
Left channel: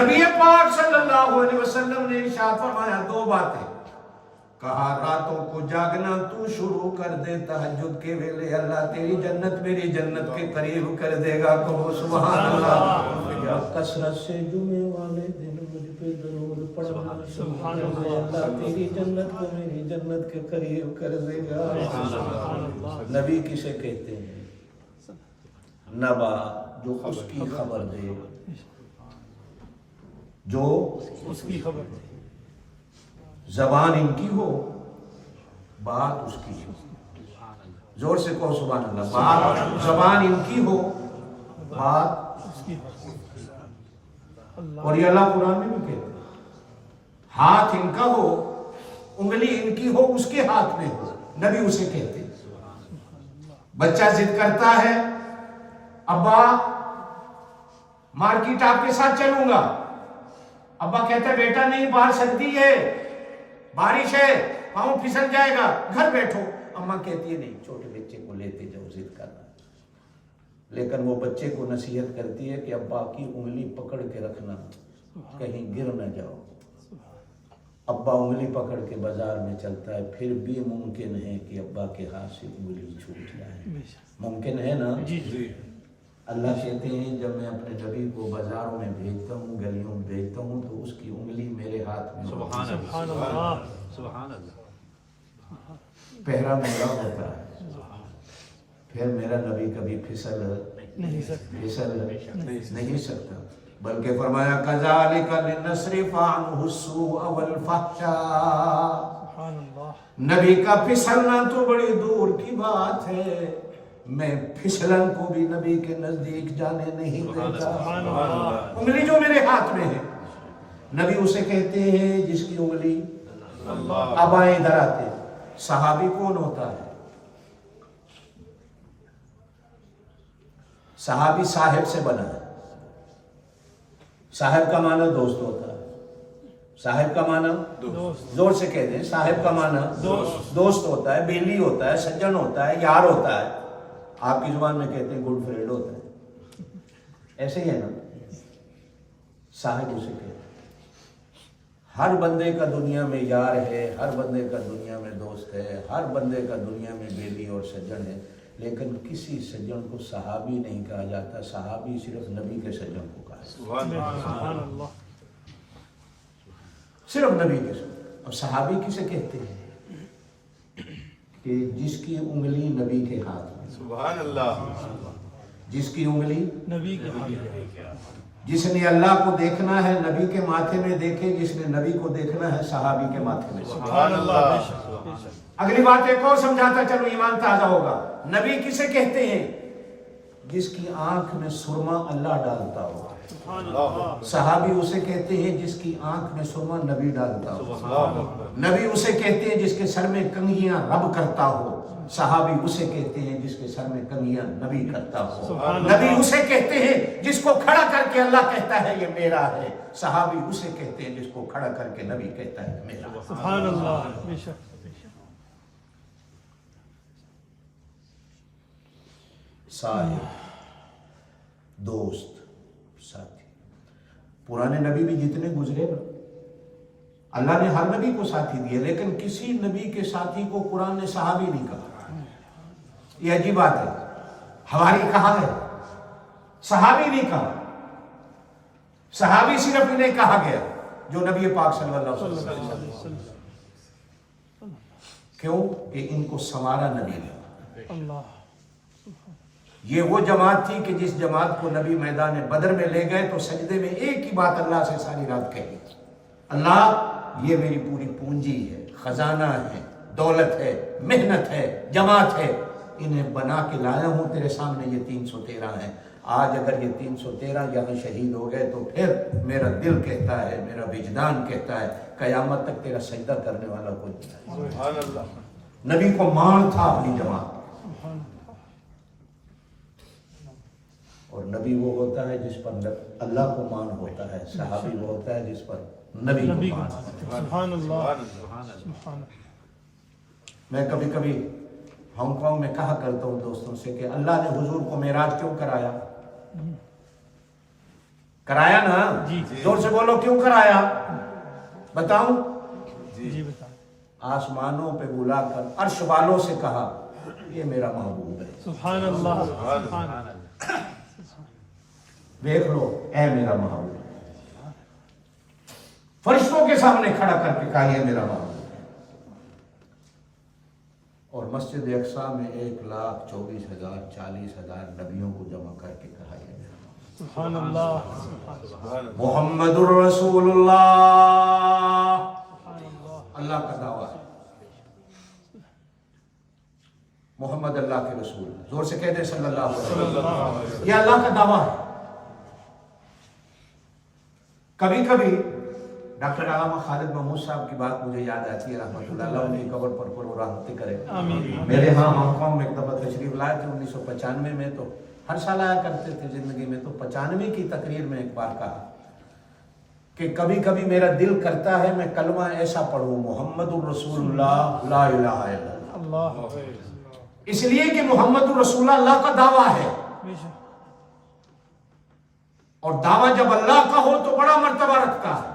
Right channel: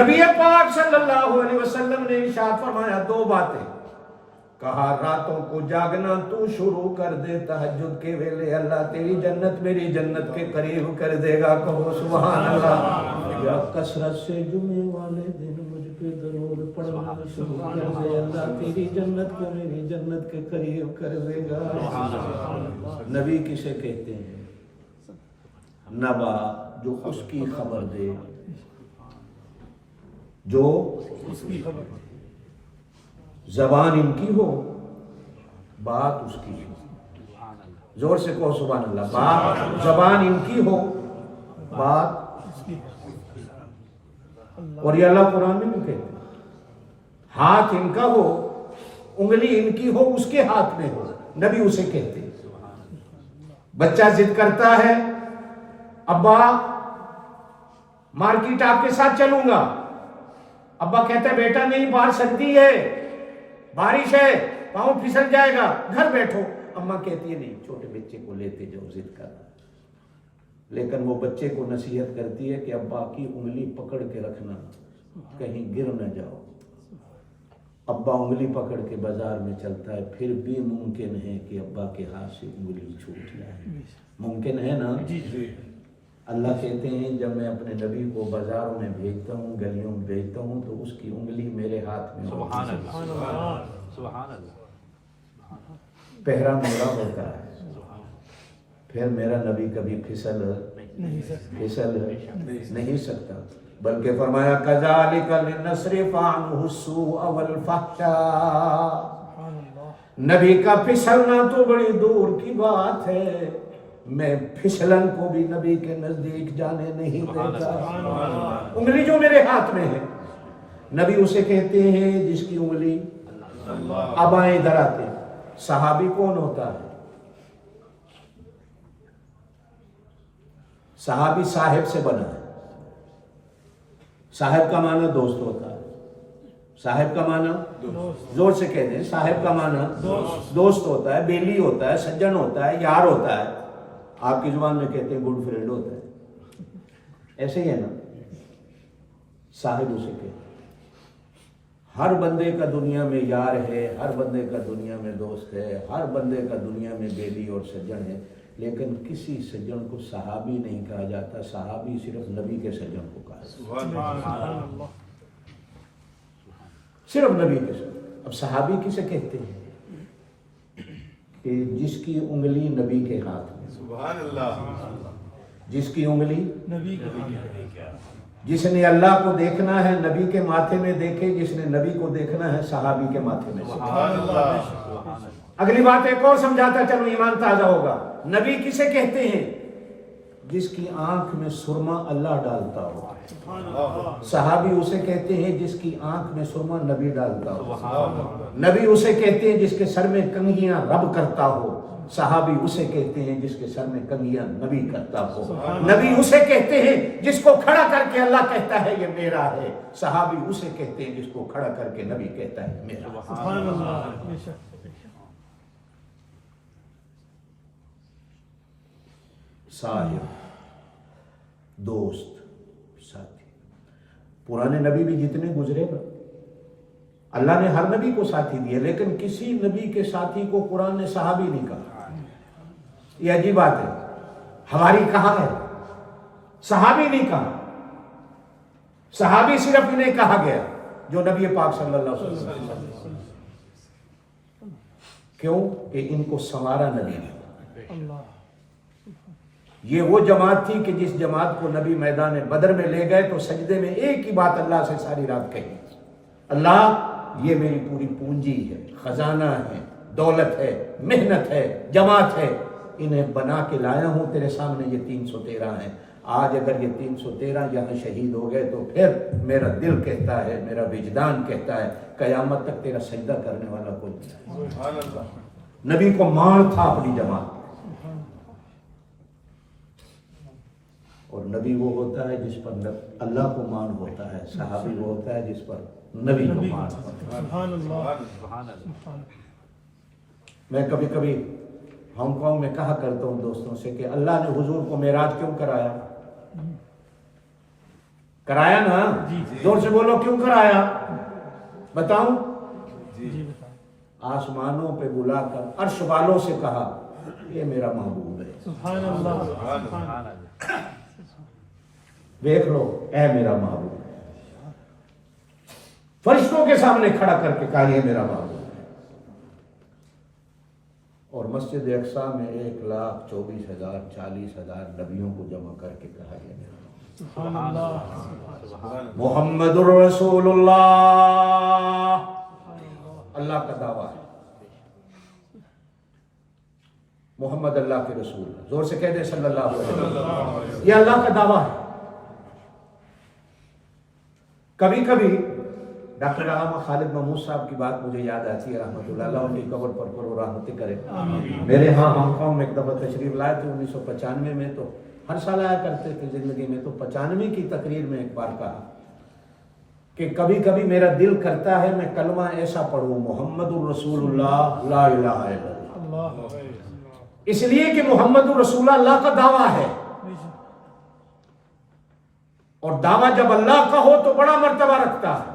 نبی پاک صلی اللہ علیہ وسلم نے ارشاد فرمایا 2 باتیں, کہا راتوں کو جاگنا تو شروع کر دے، تہجد کے ویلے اللہ تیری جنت میری جنت کے قریب کر دے گا، کہو سبحان اللہ۔ یا کثرت سے جمعے والے دن مجھ پہ درود پڑھنا، سبحان اللہ تیری جنت کو میری جنت کے قریب کر دے گا۔ نبی کسے کہتے ہیں؟ نبا، جو اس کی خبر دے، جو اس کی خبر زبان ان کی ہو، بات اس کی ہو۔ زور سے کہو سبحان اللہ۔ بات زبان ان کی ہو، بات اس کی اور یہ اللہ قرآن میں نہیں کہتے۔ ہاتھ ان کا ہو، انگلی ان کی ہو، اس کے ہاتھ میں ہو، نبی اسے کہتے ہیں۔ بچہ ضد کرتا ہے، ابا مارکیٹ آپ کے ساتھ چلوں گا، ابا کہتا ہے بیٹا نہیں، باہر سردی ہے، بارش ہے، پاؤں پھسل جائے گا، گھر بیٹھو۔ اماں کہتی ہے نہیں، چھوٹے بچے کو لیتے جاؤ، ضد کرنا۔ لیکن وہ بچے کو نصیحت کرتی ہے کہ ابا کی انگلی پکڑ کے رکھنا، کہیں گر نہ جاؤ۔ ابا انگلی پکڑ کے بازار میں چلتا ہے، پھر بھی ممکن ہے کہ ابا کے ہاتھ سے انگلی چھوٹ جائے، ممکن ہے نا؟ اللہ کہتے ہیں جب میں اپنے نبی کو بازاروں میں بھیجتا ہوں، گلیوں میں بھیجتا ہوں، تو اس کی انگلی میرے ہاتھ میں ہوتی ہے، سبحان اللہ، پہرا میرا ہوتا ہے۔ پھر میرا نبی کبھی پھسل نہیں سکتا، بلکہ فرمایا کذالک لنصرف عنہ السوء والفحشاء۔ نبی کا پھسلنا تو بڑی دور کی بات ہے، میں پھسلن کو بھی نبی کے نزدیک جانے نہیں دیتا۔ انگلی جو میرے ہاتھ میں ہے، نبی اسے کہتے ہیں جس کی انگلی۔ اب آئیں ادھر آتے، صحابی کون ہوتا ہے؟ صحابی صاحب سے بنا ہے۔ صاحب کا معنی دوست ہوتا ہے، صاحب کا معنی زور سے کہہ دیں، صاحب کا معنی دوست ہوتا ہے، بیلی ہوتا ہے، سجن ہوتا ہے، یار ہوتا ہے۔ آپ کی زبان میں کہتے ہیں گڈ فرینڈ ہوتا ہے، ایسے ہی ہے نا؟ صاحب اسے کہتے ہیں۔ ہر بندے کا دنیا میں یار ہے، ہر بندے کا دنیا میں دوست ہے، ہر بندے کا دنیا میں بیلی اور سجن ہے، لیکن کسی سجن کو صحابی نہیں کہا جاتا۔ صحابی صرف نبی کے سجن کو کہا جاتا، صرف نبی کے سجن۔ اب صحابی کسے کہتے ہیں؟ کہ جس کی انگلی نبی کے ہاتھ میں، سبحان اللہ، جس کی انگلی نبی کے ہاتھ میں، جس نے اللہ کو دیکھنا ہے نبی کے ماتھے میں دیکھے، جس نے نبی کو دیکھنا ہے صحابی کے ماتھے میں۔ سبحان اللہ۔ اگلی بات ایک اور سمجھاتا چلو، ایمان تازہ ہوگا۔ نبی کسے کہتے ہیں؟ جس کی آنکھ میں سرما اللہ ڈالتا ہو۔ صحابی اسے کہتے ہیں جس کی آنکھ میں سرما نبی ڈالتا ہو۔ نبی اسے کہتے ہیں جس کے سر میں کنگھیاں رب کرتا ہو۔ صحابی اسے کہتے ہیں جس کے سر میں کنگھیاں نبی کرتا ہو۔ نبی اسے کہتے ہیں جس کو کھڑا کر کے اللہ کہتا ہے یہ میرا ہے۔ صحابی اسے کہتے ہیں جس کو کھڑا کر کے نبی کہتا ہے میرا۔ سبحان اللہ، بے شک۔ صاحب، دوست، ساتھی۔ پرانے نبی بھی جتنے گزرے گا، اللہ نے ہر نبی کو ساتھی دیا، لیکن کسی نبی کے ساتھی کو قرآن نے صحابی نہیں کہا۔ یہ عجیب بات ہے، ہماری کہا ہے، صحابی نہیں کہا۔ صحابی صرف انہیں کہا گیا جو نبی پاک صلی اللہ علیہ وسلم۔ کیوں؟ کہ ان کو سنوارا نبی نے۔ اللہ، یہ وہ جماعت تھی کہ جس جماعت کو نبی میدان بدر میں لے گئے تو سجدے میں ایک ہی بات اللہ سے ساری رات کہی، اللہ یہ میری پوری پونجی ہے، خزانہ ہے، دولت ہے، محنت ہے، جماعت ہے، انہیں بنا کے لایا ہوں تیرے سامنے، یہ 313 ہیں۔ آج اگر یہ 313 یہاں شہید ہو گئے تو پھر میرا دل کہتا ہے، میرا وجدان کہتا ہے قیامت تک تیرا سجدہ کرنے والا کوئی نہیں۔ سبحان اللہ۔ نبی کو مان تھا اپنی جماعت، اور نبی وہ ہوتا ہے جس پر اللہ کو مان ہوتا ہے، صحابی وہ ہوتا ہے جس پر نبی کو مان ہوتا ہے۔ سبحان اللہ، سبحان اللہ۔ میں کبھی کبھی ہانگ کانگ میں کہا کرتا ہوں دوستوں سے کہ اللہ نے حضور کو معراج کیوں کرایا؟ کرایا نا؟ زور سے بولو، کیوں کرایا؟ بتاؤں؟ جی بتائیں۔ आसमानों पे बुलाकर अर्श वालों से कहा ये मेरा महबूब है। सुभान अल्लाह, सुभान अल्लाह। देख लो, ऐ मेरा महबूब है। फरिश्तों के सामने खड़ा करके कहा ये मेरा महबूब है। और मस्जिद अक्सा में 1,24,000 40,000 नबियों को जमा करके कहा ये मेरा महबूब। सुभान अल्लाह, सुभान अल्लाह। मुहम्मदुर रसूलुल्लाह, अल्लाह का दावा है। मोहम्मद अल्लाह के रसूल, जोर से कह दे सल्लल्लाहु अलैहि वसल्लम। ये अल्लाह का दावा है। कभी कभी डॉक्टर अल्लामा खालिद महमूद साहब की बात मुझे याद आती है, रहमतुल्लाह अलैह, उनकी कब्र पर रहमतें करे। मेरे यहाँ हांगकांग में एक दफा तशरीफ लाए थे 1995 में, तो हर साल आया करते थे जिंदगी में। तो 95 की तकरीर में एक बार कहा कि कभी कभी मेरा दिल करता है मैं कलमा ऐसा पढ़ूं, मोहम्मदुर रसूलुल्लाह ला इलाहा इल्लल्लाह। इसलिए कि मोहम्मदुर रसूलुल्लाह अल्लाह का दावा है, और दावा जब अल्लाह का हो तो बड़ा मर्तबा रखता है।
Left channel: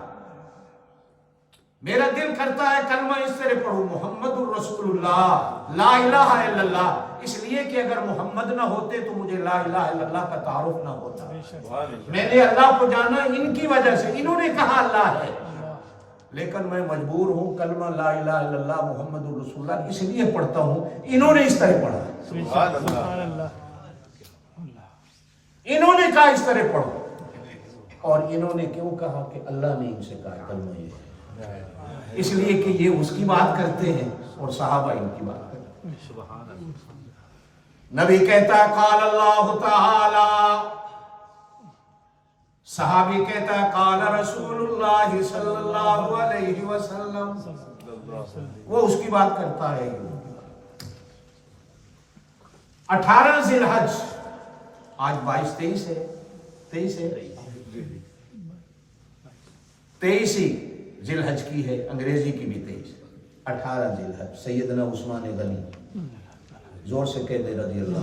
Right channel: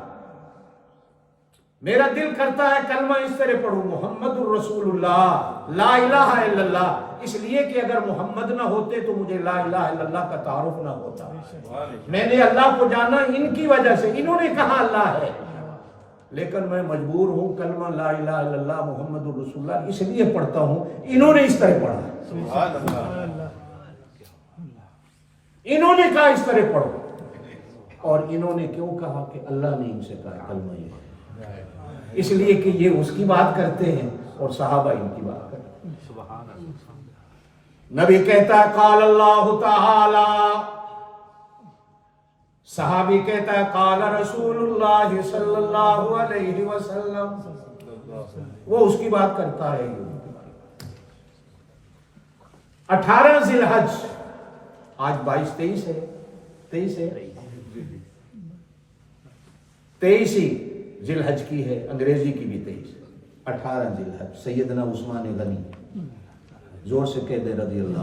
मेरा दिल करता है कलमा इस तरह पढ़ूं, मोहम्मदुर रसूलुल्लाह ला इलाहा इल्लल्लाह, इसलिए कि अगर मोहम्मद ना होते तो मुझे ला इलाहा इल्लल्लाह का तारुफ ना होता। मैंने अल्लाह को जाना इनकी वजह से, इन्होंने कहा अल्लाह है, लेकिन मैं मजबूर हूं कलमा ला इलाहा इल्लल्लाह मोहम्मदुर रसूलुल्लाह इसलिए पढ़ता हूं, इन्होंने इस तरह पढ़ा। इन्होंने कहा इस तरह पढ़ो, और इन्होंने क्यों कहा कि अल्लाह ने इनसे कहा कलमा ये है, इसलिए कि ये उसकी बात करते हैं और सहाबा इनकी बात करते हैं। नबी कहता है काल अल्लाह ताला, सहाबी कहता है काल रसूलुल्लाह सल्लल्लाहु अलैहि वसल्लम, वो उसकी बात करता है। 18 जिलहज, आज 22-23 है, 23 है, 23 ही जिलहज की है, अंग्रेजी की भी 23, 18 जिलहज। सैयदना उस्मान गनी, जोर से कह दे रज़ी अल्लाह,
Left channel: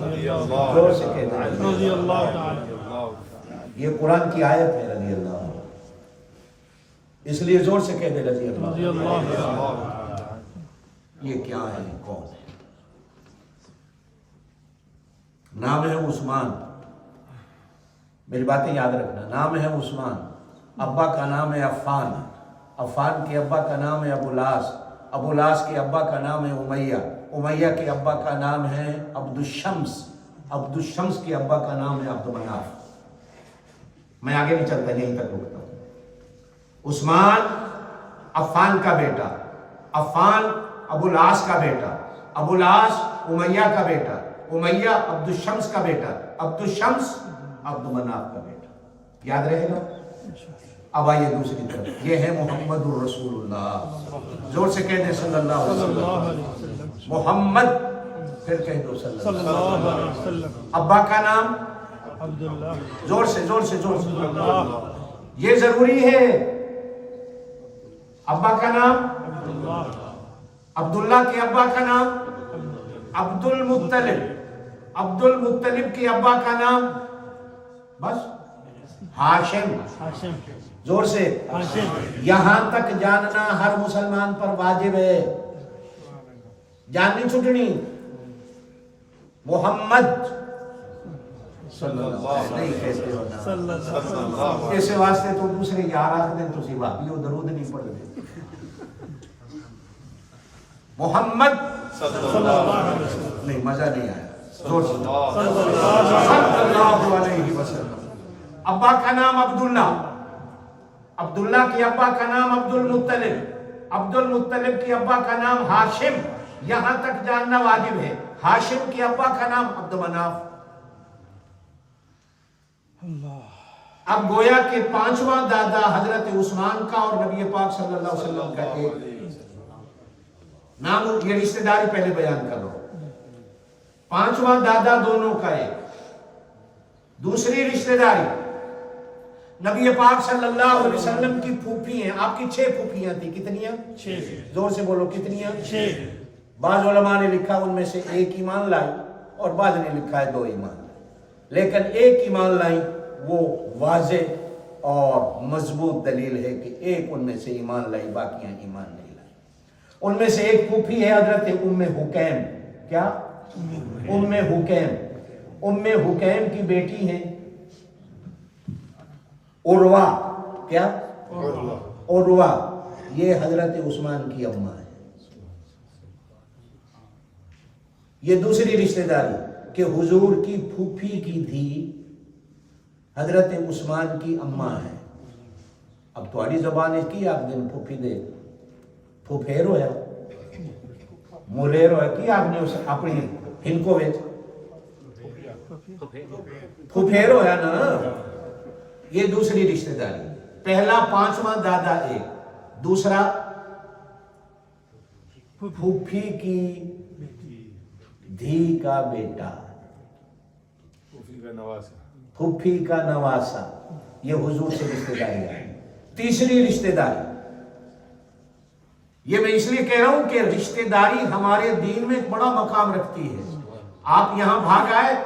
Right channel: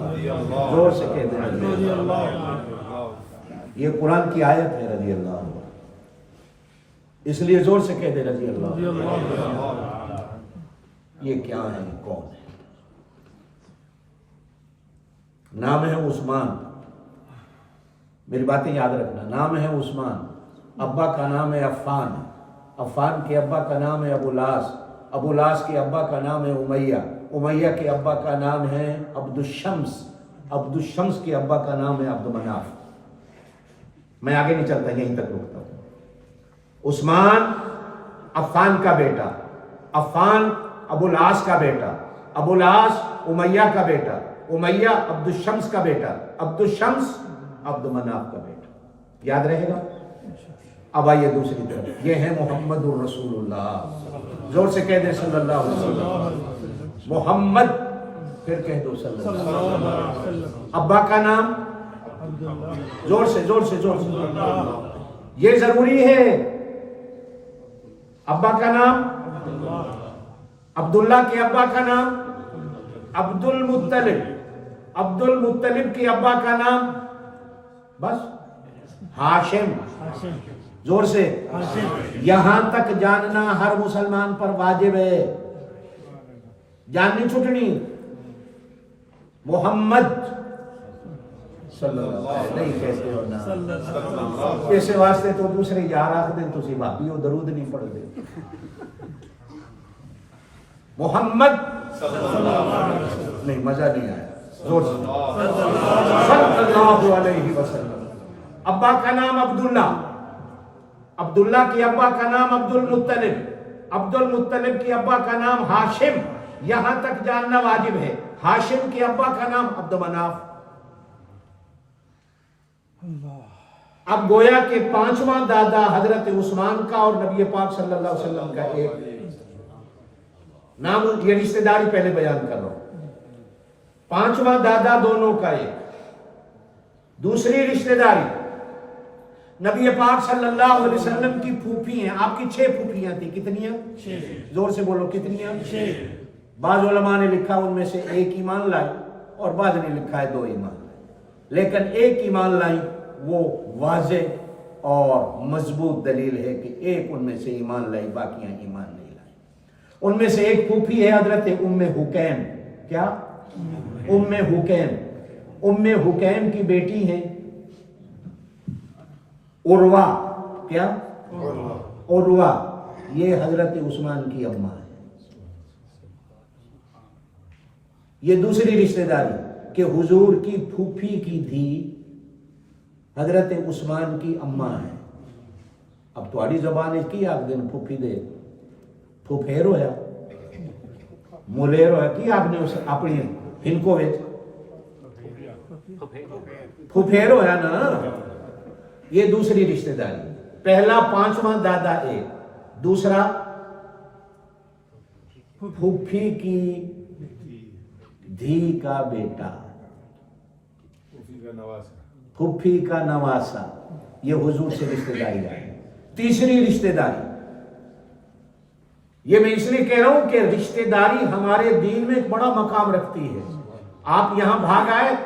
जोर से कह दे रज़ी अल्लाह। ये कुरान की आयत है रज़ी अल्लाह, इसलिए जोर से कह दे रज़ी अल्लाह। ये क्या है, कौन है? नाम है उस्मान, मेरी बातें याद रखना। नाम है उस्मान, अब्बा का नाम है अफ़ान, अफ़ान के अब्बा का नाम है अबुलास, अबुलास के अब्बा का नाम है उमैया, उमैया के अब्बा का नाम है अब्दुशम्स, अब्दुशम्स के अब्बा का नाम है अब्दुमनाफ। मैं आगे नहीं चलता, यहीं तक रुकता हूं। उस्मान अफ़ान का बेटा, अफ़ान अबुलास का बेटा, अबुलास उमैया का बेटा, उमैया अब्दुशम्स का बेटा, अब्दुशम्स अब्दुमनाफ का बेटा। याद रहेगा? अब आइए दूसरी तरफ, ये है मोहम्मदुर रसूलुल्लाह, जोर से कह दे सल्लल्लाहु अलैहि वसल्लम। मोहम्मद, फिर कह दो सल्लल्लाहु अलैहि वसल्लम। अब्बा का नाम अब्दुल्ला, जोर से जोर से जोर से, ये जरूरी है। अब्बा का नाम अब्दुल्ला, अब्दुल्ला के अब्बा का नाम अब्दुल मुत्तलिब, अब्दुल मुत्तलिब के अब्बा का नाम बस हाशिम, हाशिम, जोर से हाशिम। यहां तक जानना हर मुसलमान पर वाजिब है, जाननी छुटनी। मोहम्मद सल्लल्लाहु नहीं कहते हो ना, इस वास्ते तो दूसरे यार आख दिन तुसी भाभी हो दरूद नहीं पढ़ते। मोहम्मद नहीं, मजा नहीं आया, जोर से सल्लल्लाहु अलैहि वसल्लम। अब्बा का नाम अब्दुल्ला, अब्दुल्ला के अब्बा का नाम अब्दुल मुत्तलिब, अब्दुल मुत्तलिब के अब्बा का नाम हाशिम, यहां तक जानना वाजिब है। हाशिम के अब्बा का नाम अब्दुमनाफ। अब गोया के 5वां दादा हजरत उस्मान का और नबी पाक सल्लल्लाहु अलैहि वसल्लम का एक नाम, ये रिश्तेदारी पहले बयान करो। 5वां दादा दोनों का एक, दूसरी रिश्तेदारी नबी पाक सल्लल्लाहु अलैहि वसल्लम की फूफी हैं। आपकी 6 फूफियां थी, कितनियां? 6। जोर से बोलो, कितनियां? 6। बाज़ उलमा ने लिखा उनमें से एक ईमान लाई, और बाज़ ने लिखा है 2 ईमान लाई, लेकिन एक ईमान लाई वो वाज़े और मजबूत दलील है कि एक उनमें से ईमान लाई, बाकियां ईमान नहीं लाई। उनमें से एक फूफी है हजरत उम्मे हुकैम। क्या? उम्मे हुकैम। उम्मे हुकैम की बेटी है उर्वा। क्या? उर्वा। ये हजरत उस्मान की अम्मा है। ये दूसरी रिश्तेदारी कि हुजूर की फूफी की धी हजरत उस्मान की अम्मा है। अब तुम्हारी जबान की आप दिन फूफी दे फूफेर होया मोलेर होया कि आपने उस अपनी हिनको वे फूफेर होया ना। ये दूसरी रिश्तेदारी। पहला पांचवा दादा एक, दूसरा फूफी की धी का बेटा, फूफी का नवासा। ये हुजूर से रिश्तेदारी है। तीसरी रिश्तेदारी, ये मैं इसलिए कह रहा हूं कि रिश्तेदारी हमारे दीन में एक बड़ा मकाम रखती है। आप यहां भाग आए,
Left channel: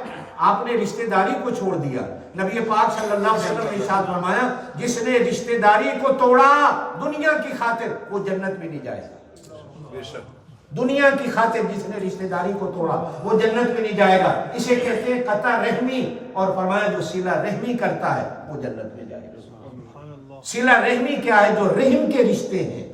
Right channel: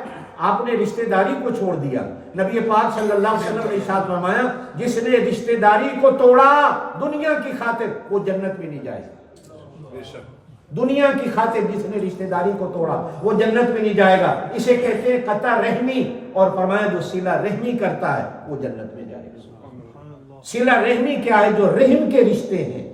आपने रिश्तेदारी को छोड़ दिया। नबी पाक सल्लल्लाहु अलैहि वसल्लम ने इरशाद फरमाया, जिसने रिश्तेदारी को तोड़ा दुनिया की खातिर वो जन्नत में नहीं जाएगा। दुनिया की खातिर जिसने रिश्तेदारी को तोड़ा वो जन्नत में नहीं जाएगा। इसे कहते हैं कता रहमी। और फरमाया जो सिला रहमी करता है वो जन्नत में जाएगा। सिला रहमी क्या है? जो रहम के रिश्ते हैं।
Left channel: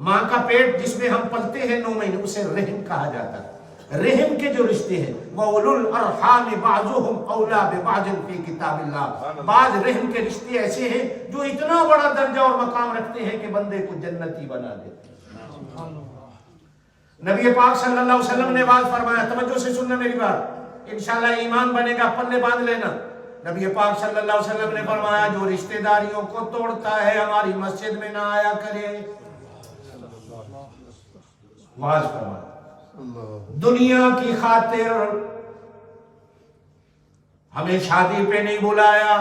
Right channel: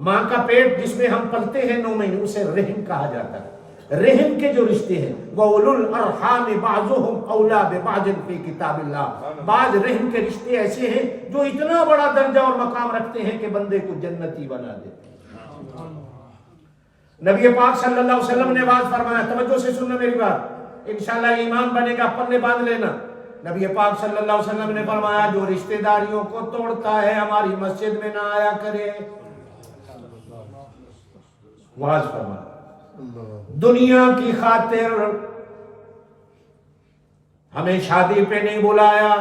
माँ का पेट जिसमें हम पलते हैं 9 महीने, उसे रहम कहा जाता है। रहम के जो रिश्ते हैं वो उलुल अरहाम बाज़ुहुम औला बिबाज़िन फी किताबिल्लाह। बाज रहम के रिश्ते ऐसे हैं जो इतना बड़ा दर्जा और मकाम रखते हैं कि बंदे को जन्नती बना देते हैं। नबी पाक सल्लल्लाहु अलैहि वसल्लम ने बात फरमाया, तवज्जो से सुनना मेरी बात, इंशाल्लाह ईमान बनेगा, पन्ने बांध लेना। नबी पाक सल्लल्लाहु अलैहि वसल्लम ने फरमाया, जो रिश्तेदारियों को तोड़ता है हमारी मस्जिद में ना आया करे। वाज फरमा, दुनिया की खातिर हमें शादी पे नहीं बुलाया,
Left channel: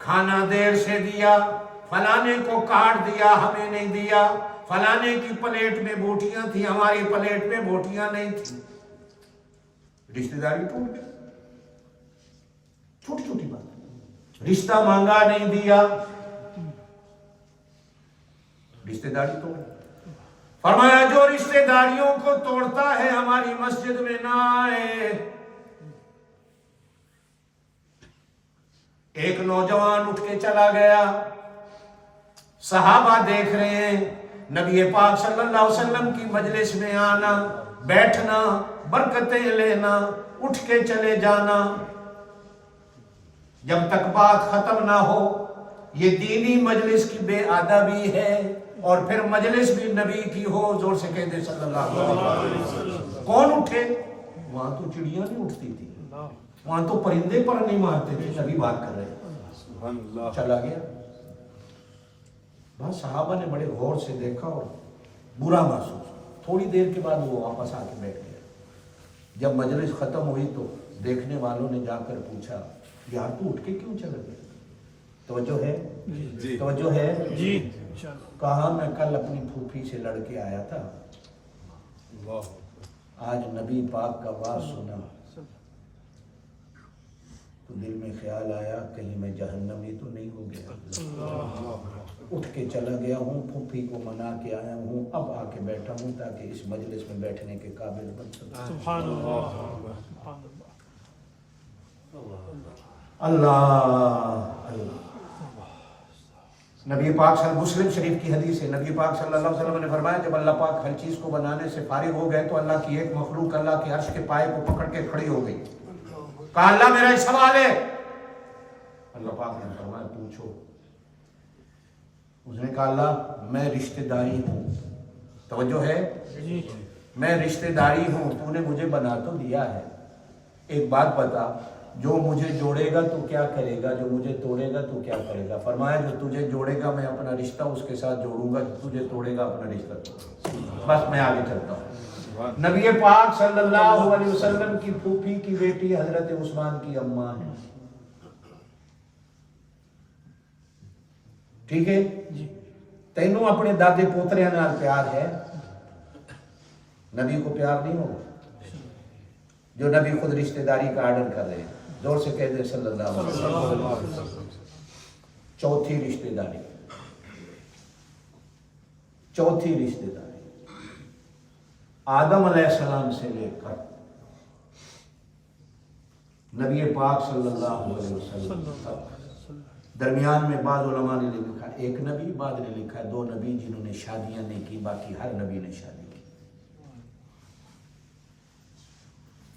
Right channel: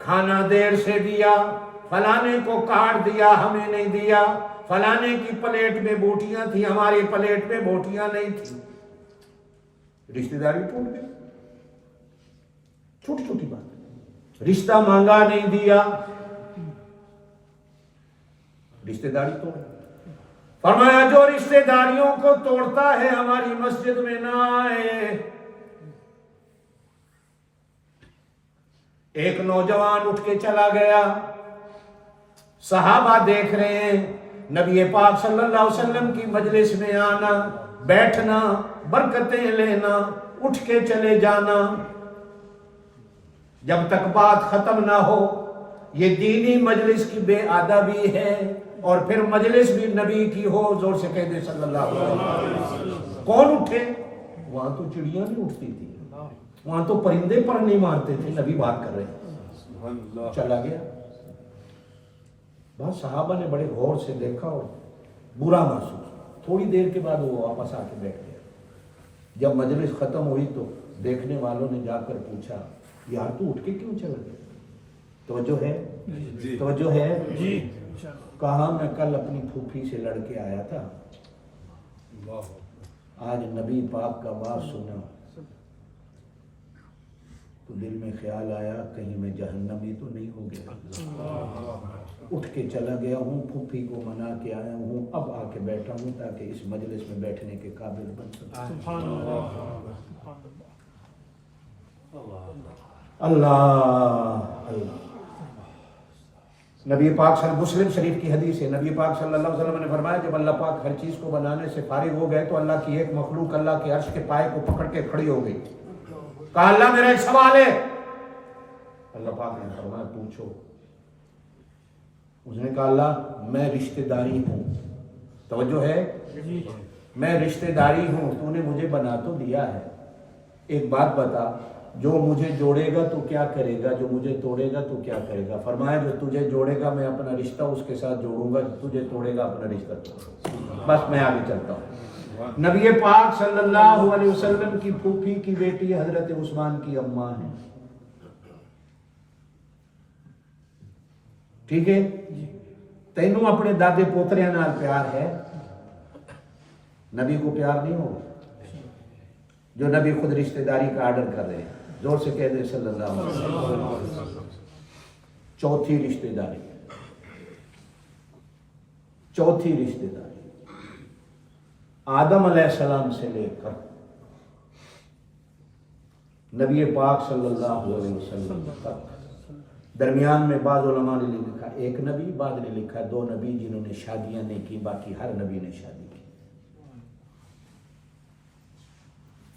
खाना देर से दिया, फलाने को काट दिया हमें नहीं दिया, फलाने की प्लेट में बोटियां थी हमारी प्लेट में बोटियां नहीं थी। रिश्तेदारी टूट गई। छोटी छोटी बात। रिश्ता मांगा नहीं दिया, रिश्तेदारी तोड़। फरमाया जो रिश्तेदारियों को तोड़ता है हमारी मस्जिद में ना आए। एक नौजवान उठ के चला गया, सहाबा देख रहे हैं। नबी पाक सल्लल्लाहु अलैहि वसल्लम की मजलिस में आना, बैठना, बरकतें लेना, उठ के चले जाना, जब तक बात खत्म ना हो। ये दीनी मजलिस की बेअदबी है। और फिर मजलिस भी नबी की हो, जोर से कह दे सल्लल्लाहु अलैहि वसल्लम। कौन उठे? वहां तो चिड़िया नहीं उठती थी, वहां तो परिंदे पर नहीं मारते थे। नबी बात कर रहे हैं, चला गया। बस सहाबा ने बड़े गौर से देखा और बुरा महसूस। थोड़ी देर के बाद वो वापस आके बैठ गया। जब मजलिस खत्म हुई तो देखने वालों ने जाकर पूछा, यार तू उठ के क्यों चला गया? तवज्जो है जी, तवज्जो है जी। कहा मैं कल अपनी फूफी से लड़के आया था, आज नबी पाक का बात सुना तो दिल में ख्याल आया कहीं मैं जहन्नमी तो नहीं हो गया। उठ के चला गया हूँ, फूफी को मना के आया हूँ, अब आके बैठा हूँ ताकि इस मजलिस में बैठने के काबिल बन सकूं। सुभान अल्लाह अल्लाह। नबी पाक मुस्लिम शरीफ की हदीस है, नबी पाक सल्लल्लाहु अलैहि वसल्लम ने फरमाया, जब अल्लाह पाक हर चीज को बनाने से फारिग हो गए तो अल्लाह की एक मखलूक अल्लाह के अर्श के पाए को पकड़ के खड़ी हो गई। कहा अल्लाह मेरा एक सवाल है। अल्लाह पाक ने फरमाया पूछो। उसने कहा अल्लाह मैं रिश्तेदारी हूं। तवज्जो है, मैं रिश्तेदारी हूं, तूने मुझे बना तो दिया है, एक बात बता, जो मुझे जोड़ेगा तो क्या करेगा, जो मुझे तोड़ेगा तो क्या करेगा? फरमाया जो तुझे जोड़ेगा मैं अपना रिश्ता उसके साथ जोड़ूंगा, तुझे तोड़ेगा अपना रिश्ता तोड़ूंगा। बस मैं आगे चलता हूँ। नबी पाक सल्लल्लाहु अलैहि वसल्लम की फूफी की बेटी हजरत उस्मान की अम्मा है। ठीक है, तेनों अपने दादे पोतरे नाल प्यार है, नबी को प्यार नहीं होगा? जो नबी खुद रिश्तेदारी का आर्डर कर रहे हैं, जोर से कह दे सल्लल्लाहु अलैहि वसल्लम। चौथी रिश्तेदारी, चौथी रिश्तेदारी आदम अलैहिस्सलाम से लेकर नबी पाक सल्लल्लाहु अलैहि वसल्लम तक दरमियान में बाज़ उलमा ने लिखा एक नबी, बाद ने लिखा 2 नबी जिन्होंने शादियां नहीं की, बाकी हर नबी ने शादी की।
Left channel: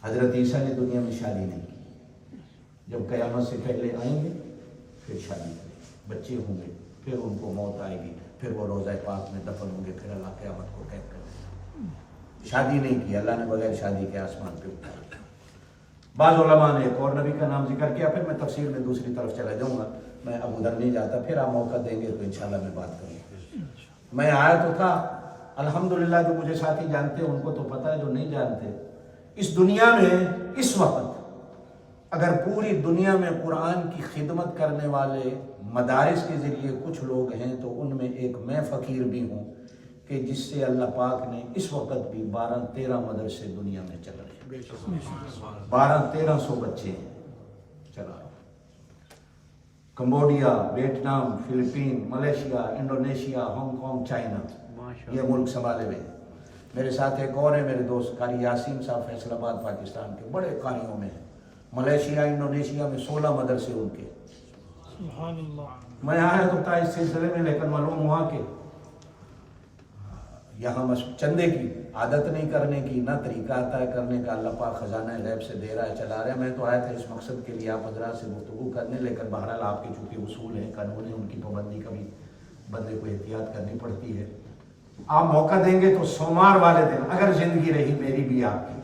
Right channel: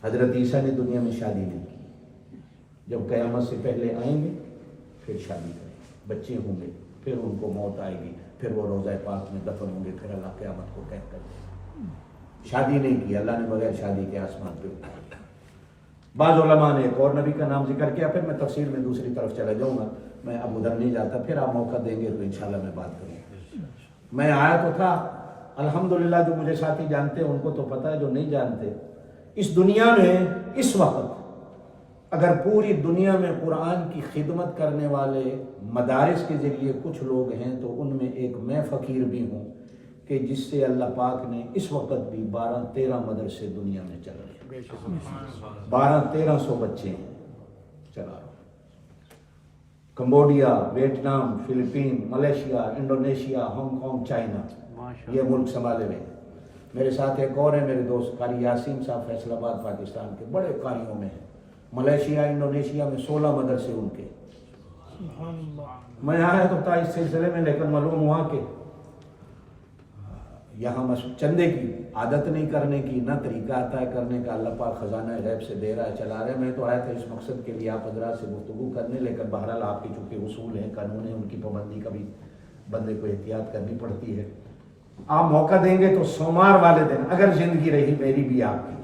हजरत ईसा ने दुनिया में शादी नहीं की, जब क़यामत से पहले आएंगे फिर शादी करेंगे, बच्चे होंगे, फिर उनको मौत आएगी, फिर वो रोज़ा पाक में दफन होंगे, फिर अल्लाह क़यामत को कैद कर देगा। शादी नहीं की, अल्लाह ने बगैर शादी के आसमान पे उठा दिया। बाज़ उलमा ने एक और नबी का नाम जिक्र किया, फिर मैं तफसीर में दूसरी तरफ चला जाऊंगा, मैं अब उधर नहीं जाता, फिर आप मौका देंगे तो इंशाल्लाह मैं बात करूँगा। मैं आया तो था, अल्हम्दुलिल्लाह जो मुझे साथी जानते हैं उनको तो पता है, जो नहीं जानते, इस दुनिया में इस वक्त अगर पूरी दुनिया में कुरान की खिदमत करने वाले मदारिस के ज़रिए कुछ लोग हैं तो उनमें एक मैं फ़कीर भी हूँ कि जिससे अल्लाह पाक ने इस वक्त भी 12-13 मदरसे दुनिया में चल रहे हैं, 1200-1300 बच्चे हैं चला रहा हूँ। Cambodia, Vietnam, Philippine, Malaysia, Indonesia, Hong Kong, China, ये मुल्क संभाले हुए हैं। मेरे साथ एक और है, मेरे दोस्त कारी यासीन साहब, फैसलाबाद पाकिस्तान के, बड़े कारियों में हैं। मलेशिया, इंडोनेशिया में 16 मदरसे उनके। मैं आया तो था इस सिलसिले में, लेकिन मालूम हुआ कि यहाँ चंदे की आदत नहीं करने की, ना तरीका आता है करने का, अल्लाह पाक खजाना गैब से दे रहा है, चला रहा है। मैं तो आया था इस मकसद के लिए आप हज़रात से गुफ्तगू करने, लेकिन बहरहाल आपके चूँकि उसूल हैं, कानून है, उनकी पाबंदी का भी बंदे को एहतियात करनी पड़ती है। आप मौका देंगे तो सोमवार वाले दिन, अगर जिंदगी रही मेरी भी आपकी,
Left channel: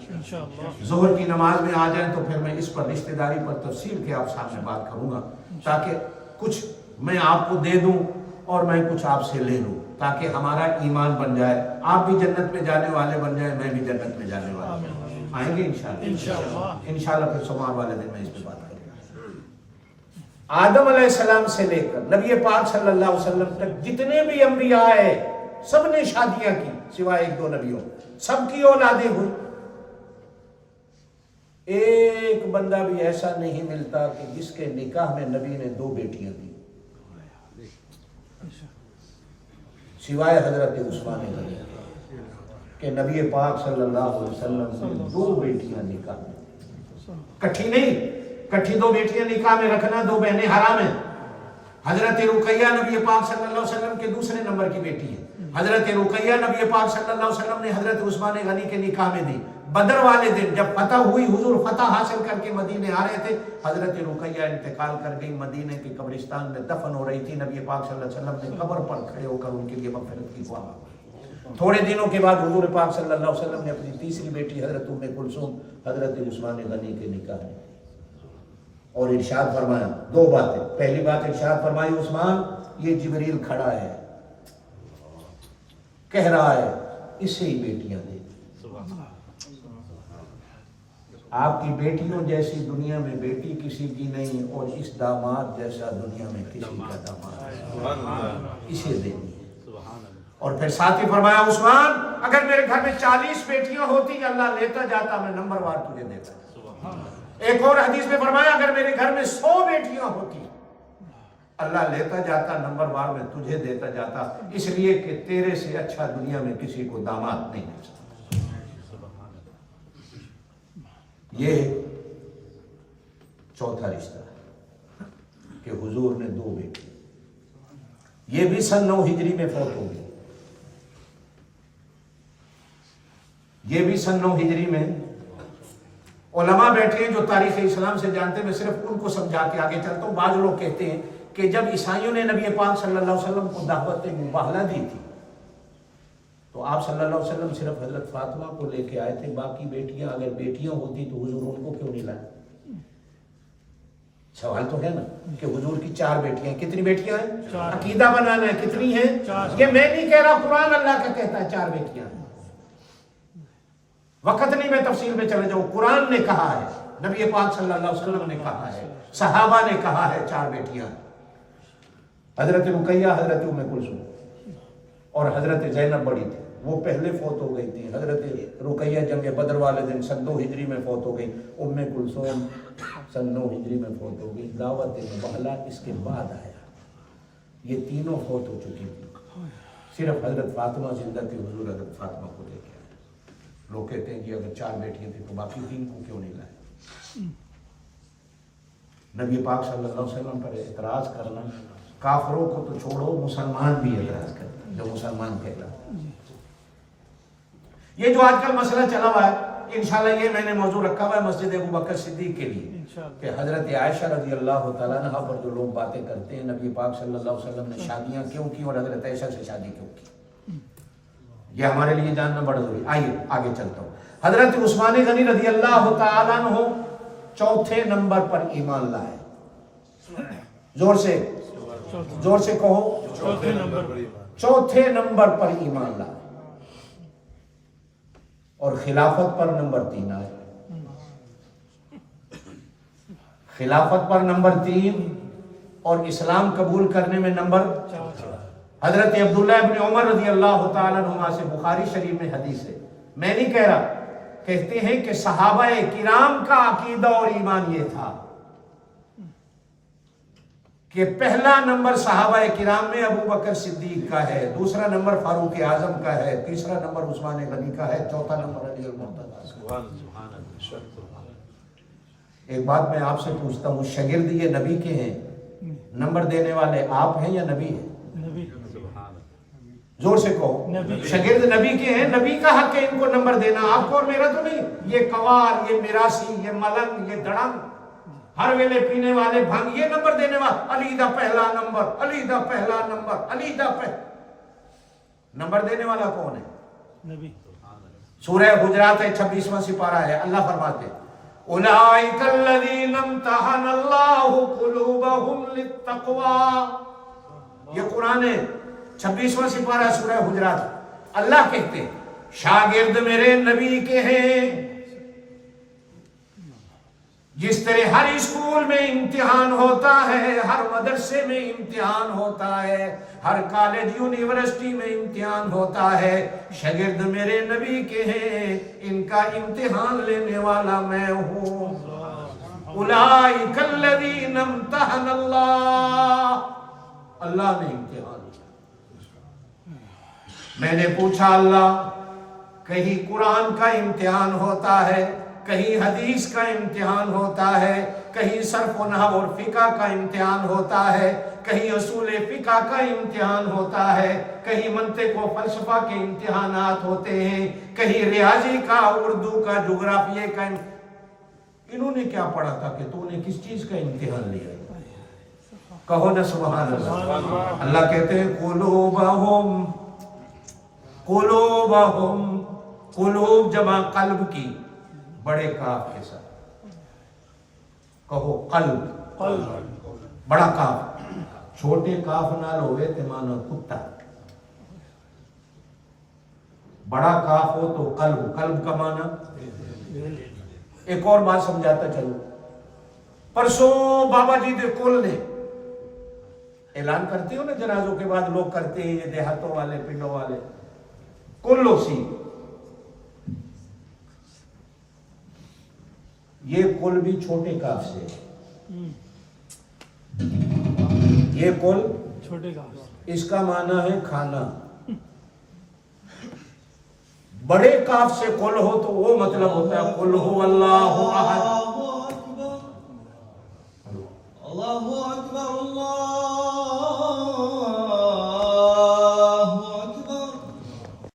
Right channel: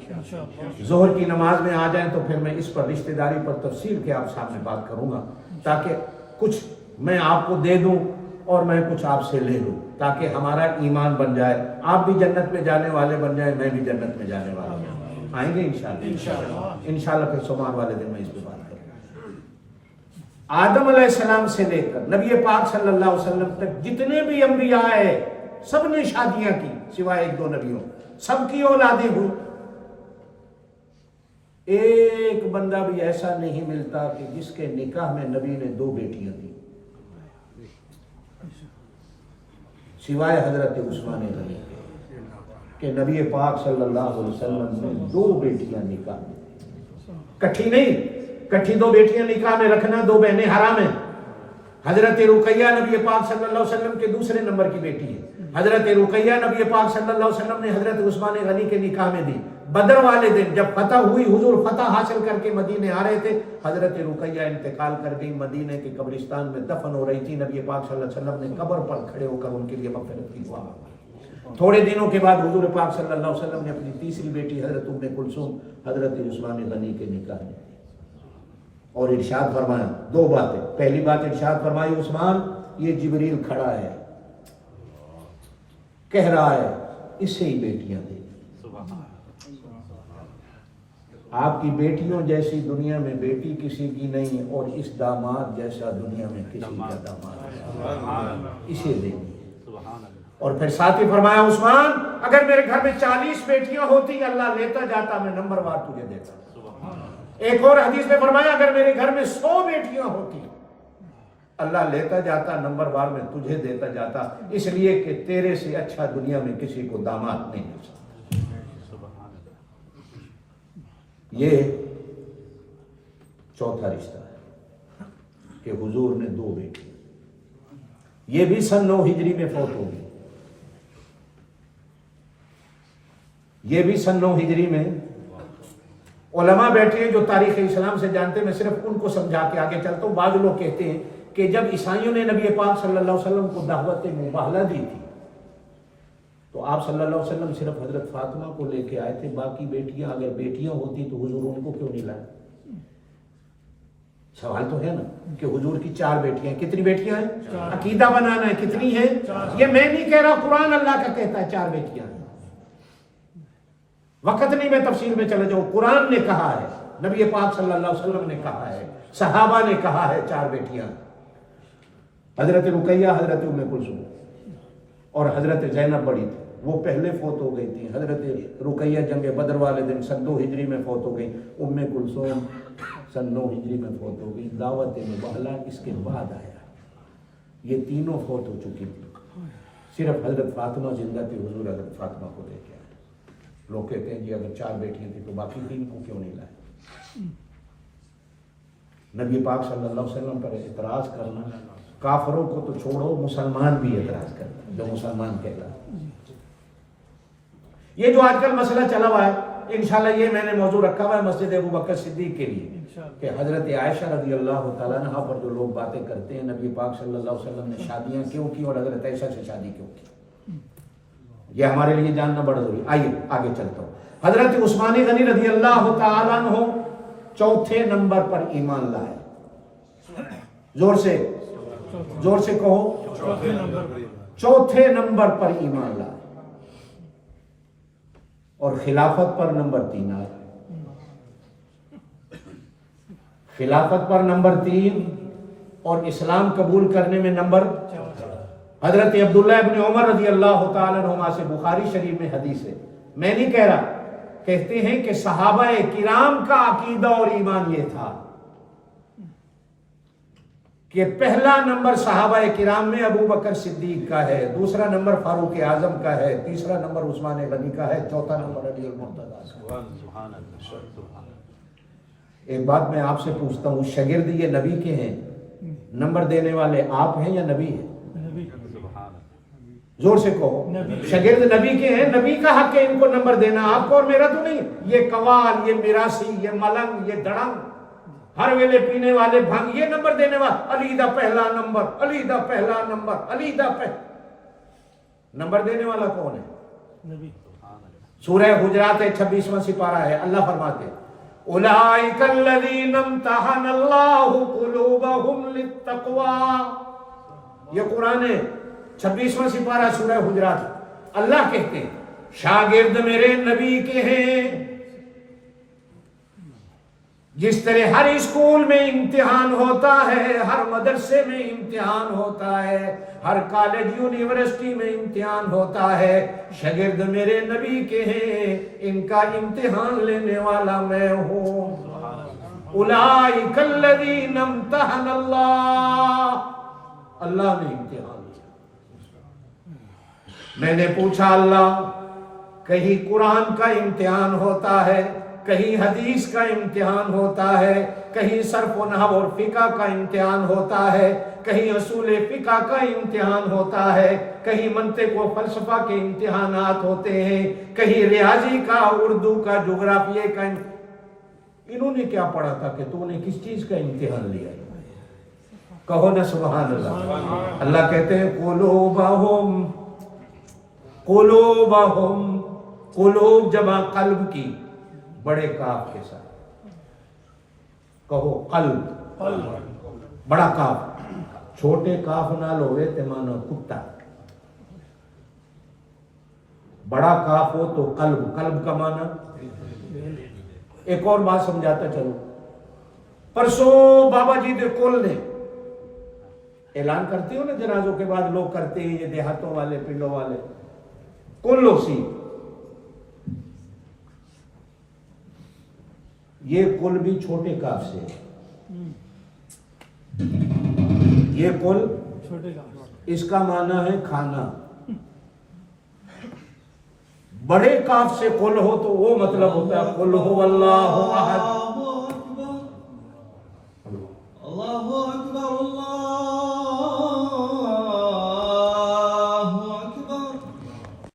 जोहर की नमाज में आ जाएं तो फिर मैं इस पर रिश्तेदारी पर तफसील के आप सामने बात करूंगा, ताकि कुछ मैं आपको दे दूं और मैं कुछ आपसे ले लूं, ताकि हमारा ईमान बन जाए, आप भी जन्नत में जाने वाले बन जाए, मैं भी जन्नत में जाने वाला बन। आएंगे इंशाल्लाह फिर सोमवार वाले दिन मैं इस पर बात करूंगा। आदम अलैहिस्सलाम से लेकर नबी पाक सल्लल्लाहु अलैहि वसल्लम तक जितने भी अंबिया है सब ने शादियां की, सिवाय 1-2 नबियों, सबकी औलादें हुई। एक बंदा भी ऐसा नहीं मिलता कि जिसके निकाह में नबी ने 2 बेटियां दी, सिवाय हजरत उस्मान गनी के नबी पाक सल्लल्लाहु अलैहि वसल्लम ने 2 बेटियां निकाह में दी। कट्ठी नहीं, कट्ठी 2 बेटियां निकाह में रखना, 2 बहनें हराम है। हजरत रुकैया नबी पाक सल्लल्लाहु अलैहि वसल्लम के दूसरे नंबर की बेटी है। हजरत रुकैया नबी पाक सल्लल्लाहु अलैहि वसल्लम ने हजरत उस्मान गनी के निकाह में दी। बदर वाले दिन जब फतह हुई, हुजूर फतह हासिल करके मदीने आ रहे थे, हजरत रुकैया इंतकाल कर गई, मदीने के कब्रिस्तान में दफन हो रही थी। नबी पाक सल्लल्लाहु अलैहि वसल्लम ने कब्र पर खड़े होकर उनके लिए मग़फ़िरत की दुआ मांगी। थोड़े दिनों के बाद हुजूर पाक सल्लल्लाहु अलैहि वसल्लम ने अपनी तीसरी बेटी हजरत उम्मे कुलसूम हजरत उस्मान गनी के निकाह में और इरशाद फरमाया 2 बातें। पहली बात इरशाद फरमाई, उस्मान ये जिब्रील खड़ा है, कह रहा है इसे ही बेटियां दे। आपकी बेटियों जैसी दुनिया में बेटी किसी की नहीं, और इस दामाद जैसा दुनिया में किसी का दामाद है, इसे देनी है। और फिर साथ ही फरमाया, उस्मान अगर मेरे घर में 40 बेटियां होती, अल्लाह लेता जाता, मैं नंबरवार तुझे देता। एक और हदीस में फरमाया, अगर मेरे घर में 100 बेटियां होती, अल्लाह लेता जाता, नंबरवार में तुझे देता जाता, इसलिए कि तेरे से अच्छा दुनिया में किसी को दामाद नहीं मिल सकता। ये चौथा रिश्ता है कि हुजूर ने 2 बेटी, ये भी सन 9 हिजरी में फौत हो गई। ये भी सन 9 हिजरी में। उलमा बैठे हैं जो तारीख इस्लाम से जानते, मैं सिर्फ उनको समझा के आगे चलता हूँ। बाज़ लोग कहते हैं कि जब ईसाइयों ने नबी पाक सल्लल्लाहु अलैहि वसल्लम को दावत मुबाहला दी थी, तो आप सल्लल्लाहु अलैहि वसल्लम सिर्फ हजरत फातिमा को लेके आए थे, बाकी बेटियां अगर बेटियां होती तो हुजूर उनको क्यों नहीं लाए? सवाल तो है ना कि हुजूर की 4 बेटियां, कितनी बेटियां हैं? अकीदा बनाना है, कितनी है? ये मैं नहीं कह रहा, कुरान अल्लाह का कहता है 4 बेटियां। वक्त नहीं मैं तफसील में चले जाऊं, कुरान ने कहा है, नबी पाक सल्लल्लाहु अलैहि वसल्लम ने कहा है, सहाबा ने कहा है 4 बेटियां। हजरत रुकैया, हजरत उम्मे कुलसूम और हजरत ज़ैनब बड़ी थी, वो पहले फौत हो गई थी। हजरत रुकैया जंग बदर वाले दिन सन 2 हिजरी में फौत हो गई। उम्मे कुलसूम सन 9 हिजरी में फौत हो गई। दावत मुबाहला इसके बाद आया। ये तीनों फौत हो चुकी थी, सिर्फ हजरत फातिमा जिंदा थी, हुजूर हजरत फातिमा को लेके आए। लोग कहते हैं जी अगर 4 बेटियां थी तो बाकी 3 को क्यों नहीं लाए। नबी पाक सल्लल्लाहु अलैहि वसल्लम पर एतराज करना, काफरों को तो छोड़ो मुसलमान भी एतराज करते जो मुसलमान कहला। ये जो आजकल मसला चला हुआ है, इंशाल्लाह ये मैंने मौजू रखा हुआ है मस्जिद अबू बकर सिद्दीक के लिए कि हजरत आयशा रजी अल्लाह तआला अन्हा पर जो लोग बातें करते हैं नबी पाक सल्लल्लाहु अलैहि वसल्लम ने शादियां क्यों की और हजरत आयशा से शादी क्यों की, ये हमारे लिए जानना बड़ा जरूरी। आइए आगे चलता हूँ। हजरत उस्मान गनी रजी अल्लाह तआला अन्हु 4थे नंबर पर ईमान लाए। जोर से कहो, 4थे नंबर पर ईमान लाए। और खिलाफत पर नंबर 3 आए। खिलाफत पर नंबर 3 और इस्लाम कबूल करने में नंबर 4। हजरत अब्दुल्लाह इब्न उमर रजी अल्लाह तआला अन्हुमा से बुखारी शरीफ में हदीस है, मैं नहीं कह रहा, कहते हैं कि सहाबाए किराम का अकीदा और ईमान ये था कि पहला नंबर सहाबाए किराम में अबू बकर सिद्दीक का है, दूसरा नंबर फारूक आजम का है, तीसरा नंबर उस्मान गनी का है, चौथा नंबर अली अल मुर्तज़ा। एक बात मैं आपसे पूछता हूँ, शागिर्द ये नबी के हैं, नंबर देने वाले आप हैं या नबी है? जोर से कहो। शागिर्द नबी के हैं, नबी का हक है इनको नंबर देना, आपको और मेरा तो नहीं। ये कवाल, ये मिरासी, ये मलंग, ये दड़ंग, हर वेले पीने वाले भंग, ये नंबर देने वाला, अली दा पहला नंबर, अली दा पहला नंबर, अली दा नंबर देने वाला कौन है? नबी। सूरह हुजरात है 26वां सिपारा है, अल्लाह फरमाते उलाइकल्लज़ीना इम्तहनल्लाहु कुलूबहुम लित्तक़वा। ये कुरान है 26वां सिपारा सूरह हुजरात। अल्लाह कहते हैं शागिर्द मेरे नबी के हैं। जिस तरह हर स्कूल में इम्तिहान होता है, हर मदरसे में इम्तिहान होता है, हर कॉलेज यूनिवर्सिटी में इम्तिहान होता है, शागिर्द मेरे नबी के हैं, इनका इम्तिहान लेने वाला मैं हूँ। उलाइकल्लज़ीना इम्तहनल्लाह, अल्लाह ने इम्तिहान लिया। मैंने पूछा अल्लाह, कहीं कुरान का इम्तिहान होता है, कहीं हदीस का इम्तिहान होता है, कहीं सर्फ व नहव और फिका का इम्तिहान होता है, कहीं उसूल फिका का इम्तिहान होता है, कहीं मंतिक व फलसफा के इम्तिहानात होते हैं, कहीं रियाजी का, उर्दू का, जोग्राफिया का। इन्होंने क्या पढ़ा था कि तूने किस चीज का इम्तिहान लिया? कहो ना सुभान अल्लाह। अल्लाह कहते हैं कुलूबहुम, कुलूबहुम, कुलूब जमा कल्ब की, बड़े काफ के साथ। कहो कल्ब, बड़ा काफ, छोटे काफ नाल होवे ते मानो कुत्ता, बड़ा काफ हो तो कल्ब, कल्ब का माना। एक और बात समझाता चलो। परसों बाबा जी दे कुल ने ऐलान करते हो ना, जनाजों के बाद लोग करते हैं, ये देहातों वाले, पिंडों वाले, कुल ओसी, ये कुल भी छोटे काफ से, ये कुल छोटे काफ, इसका माना है खाना। बड़े काफ से कुल हो तो वो मतलब होता है कुल हुवल्लाहु अहद,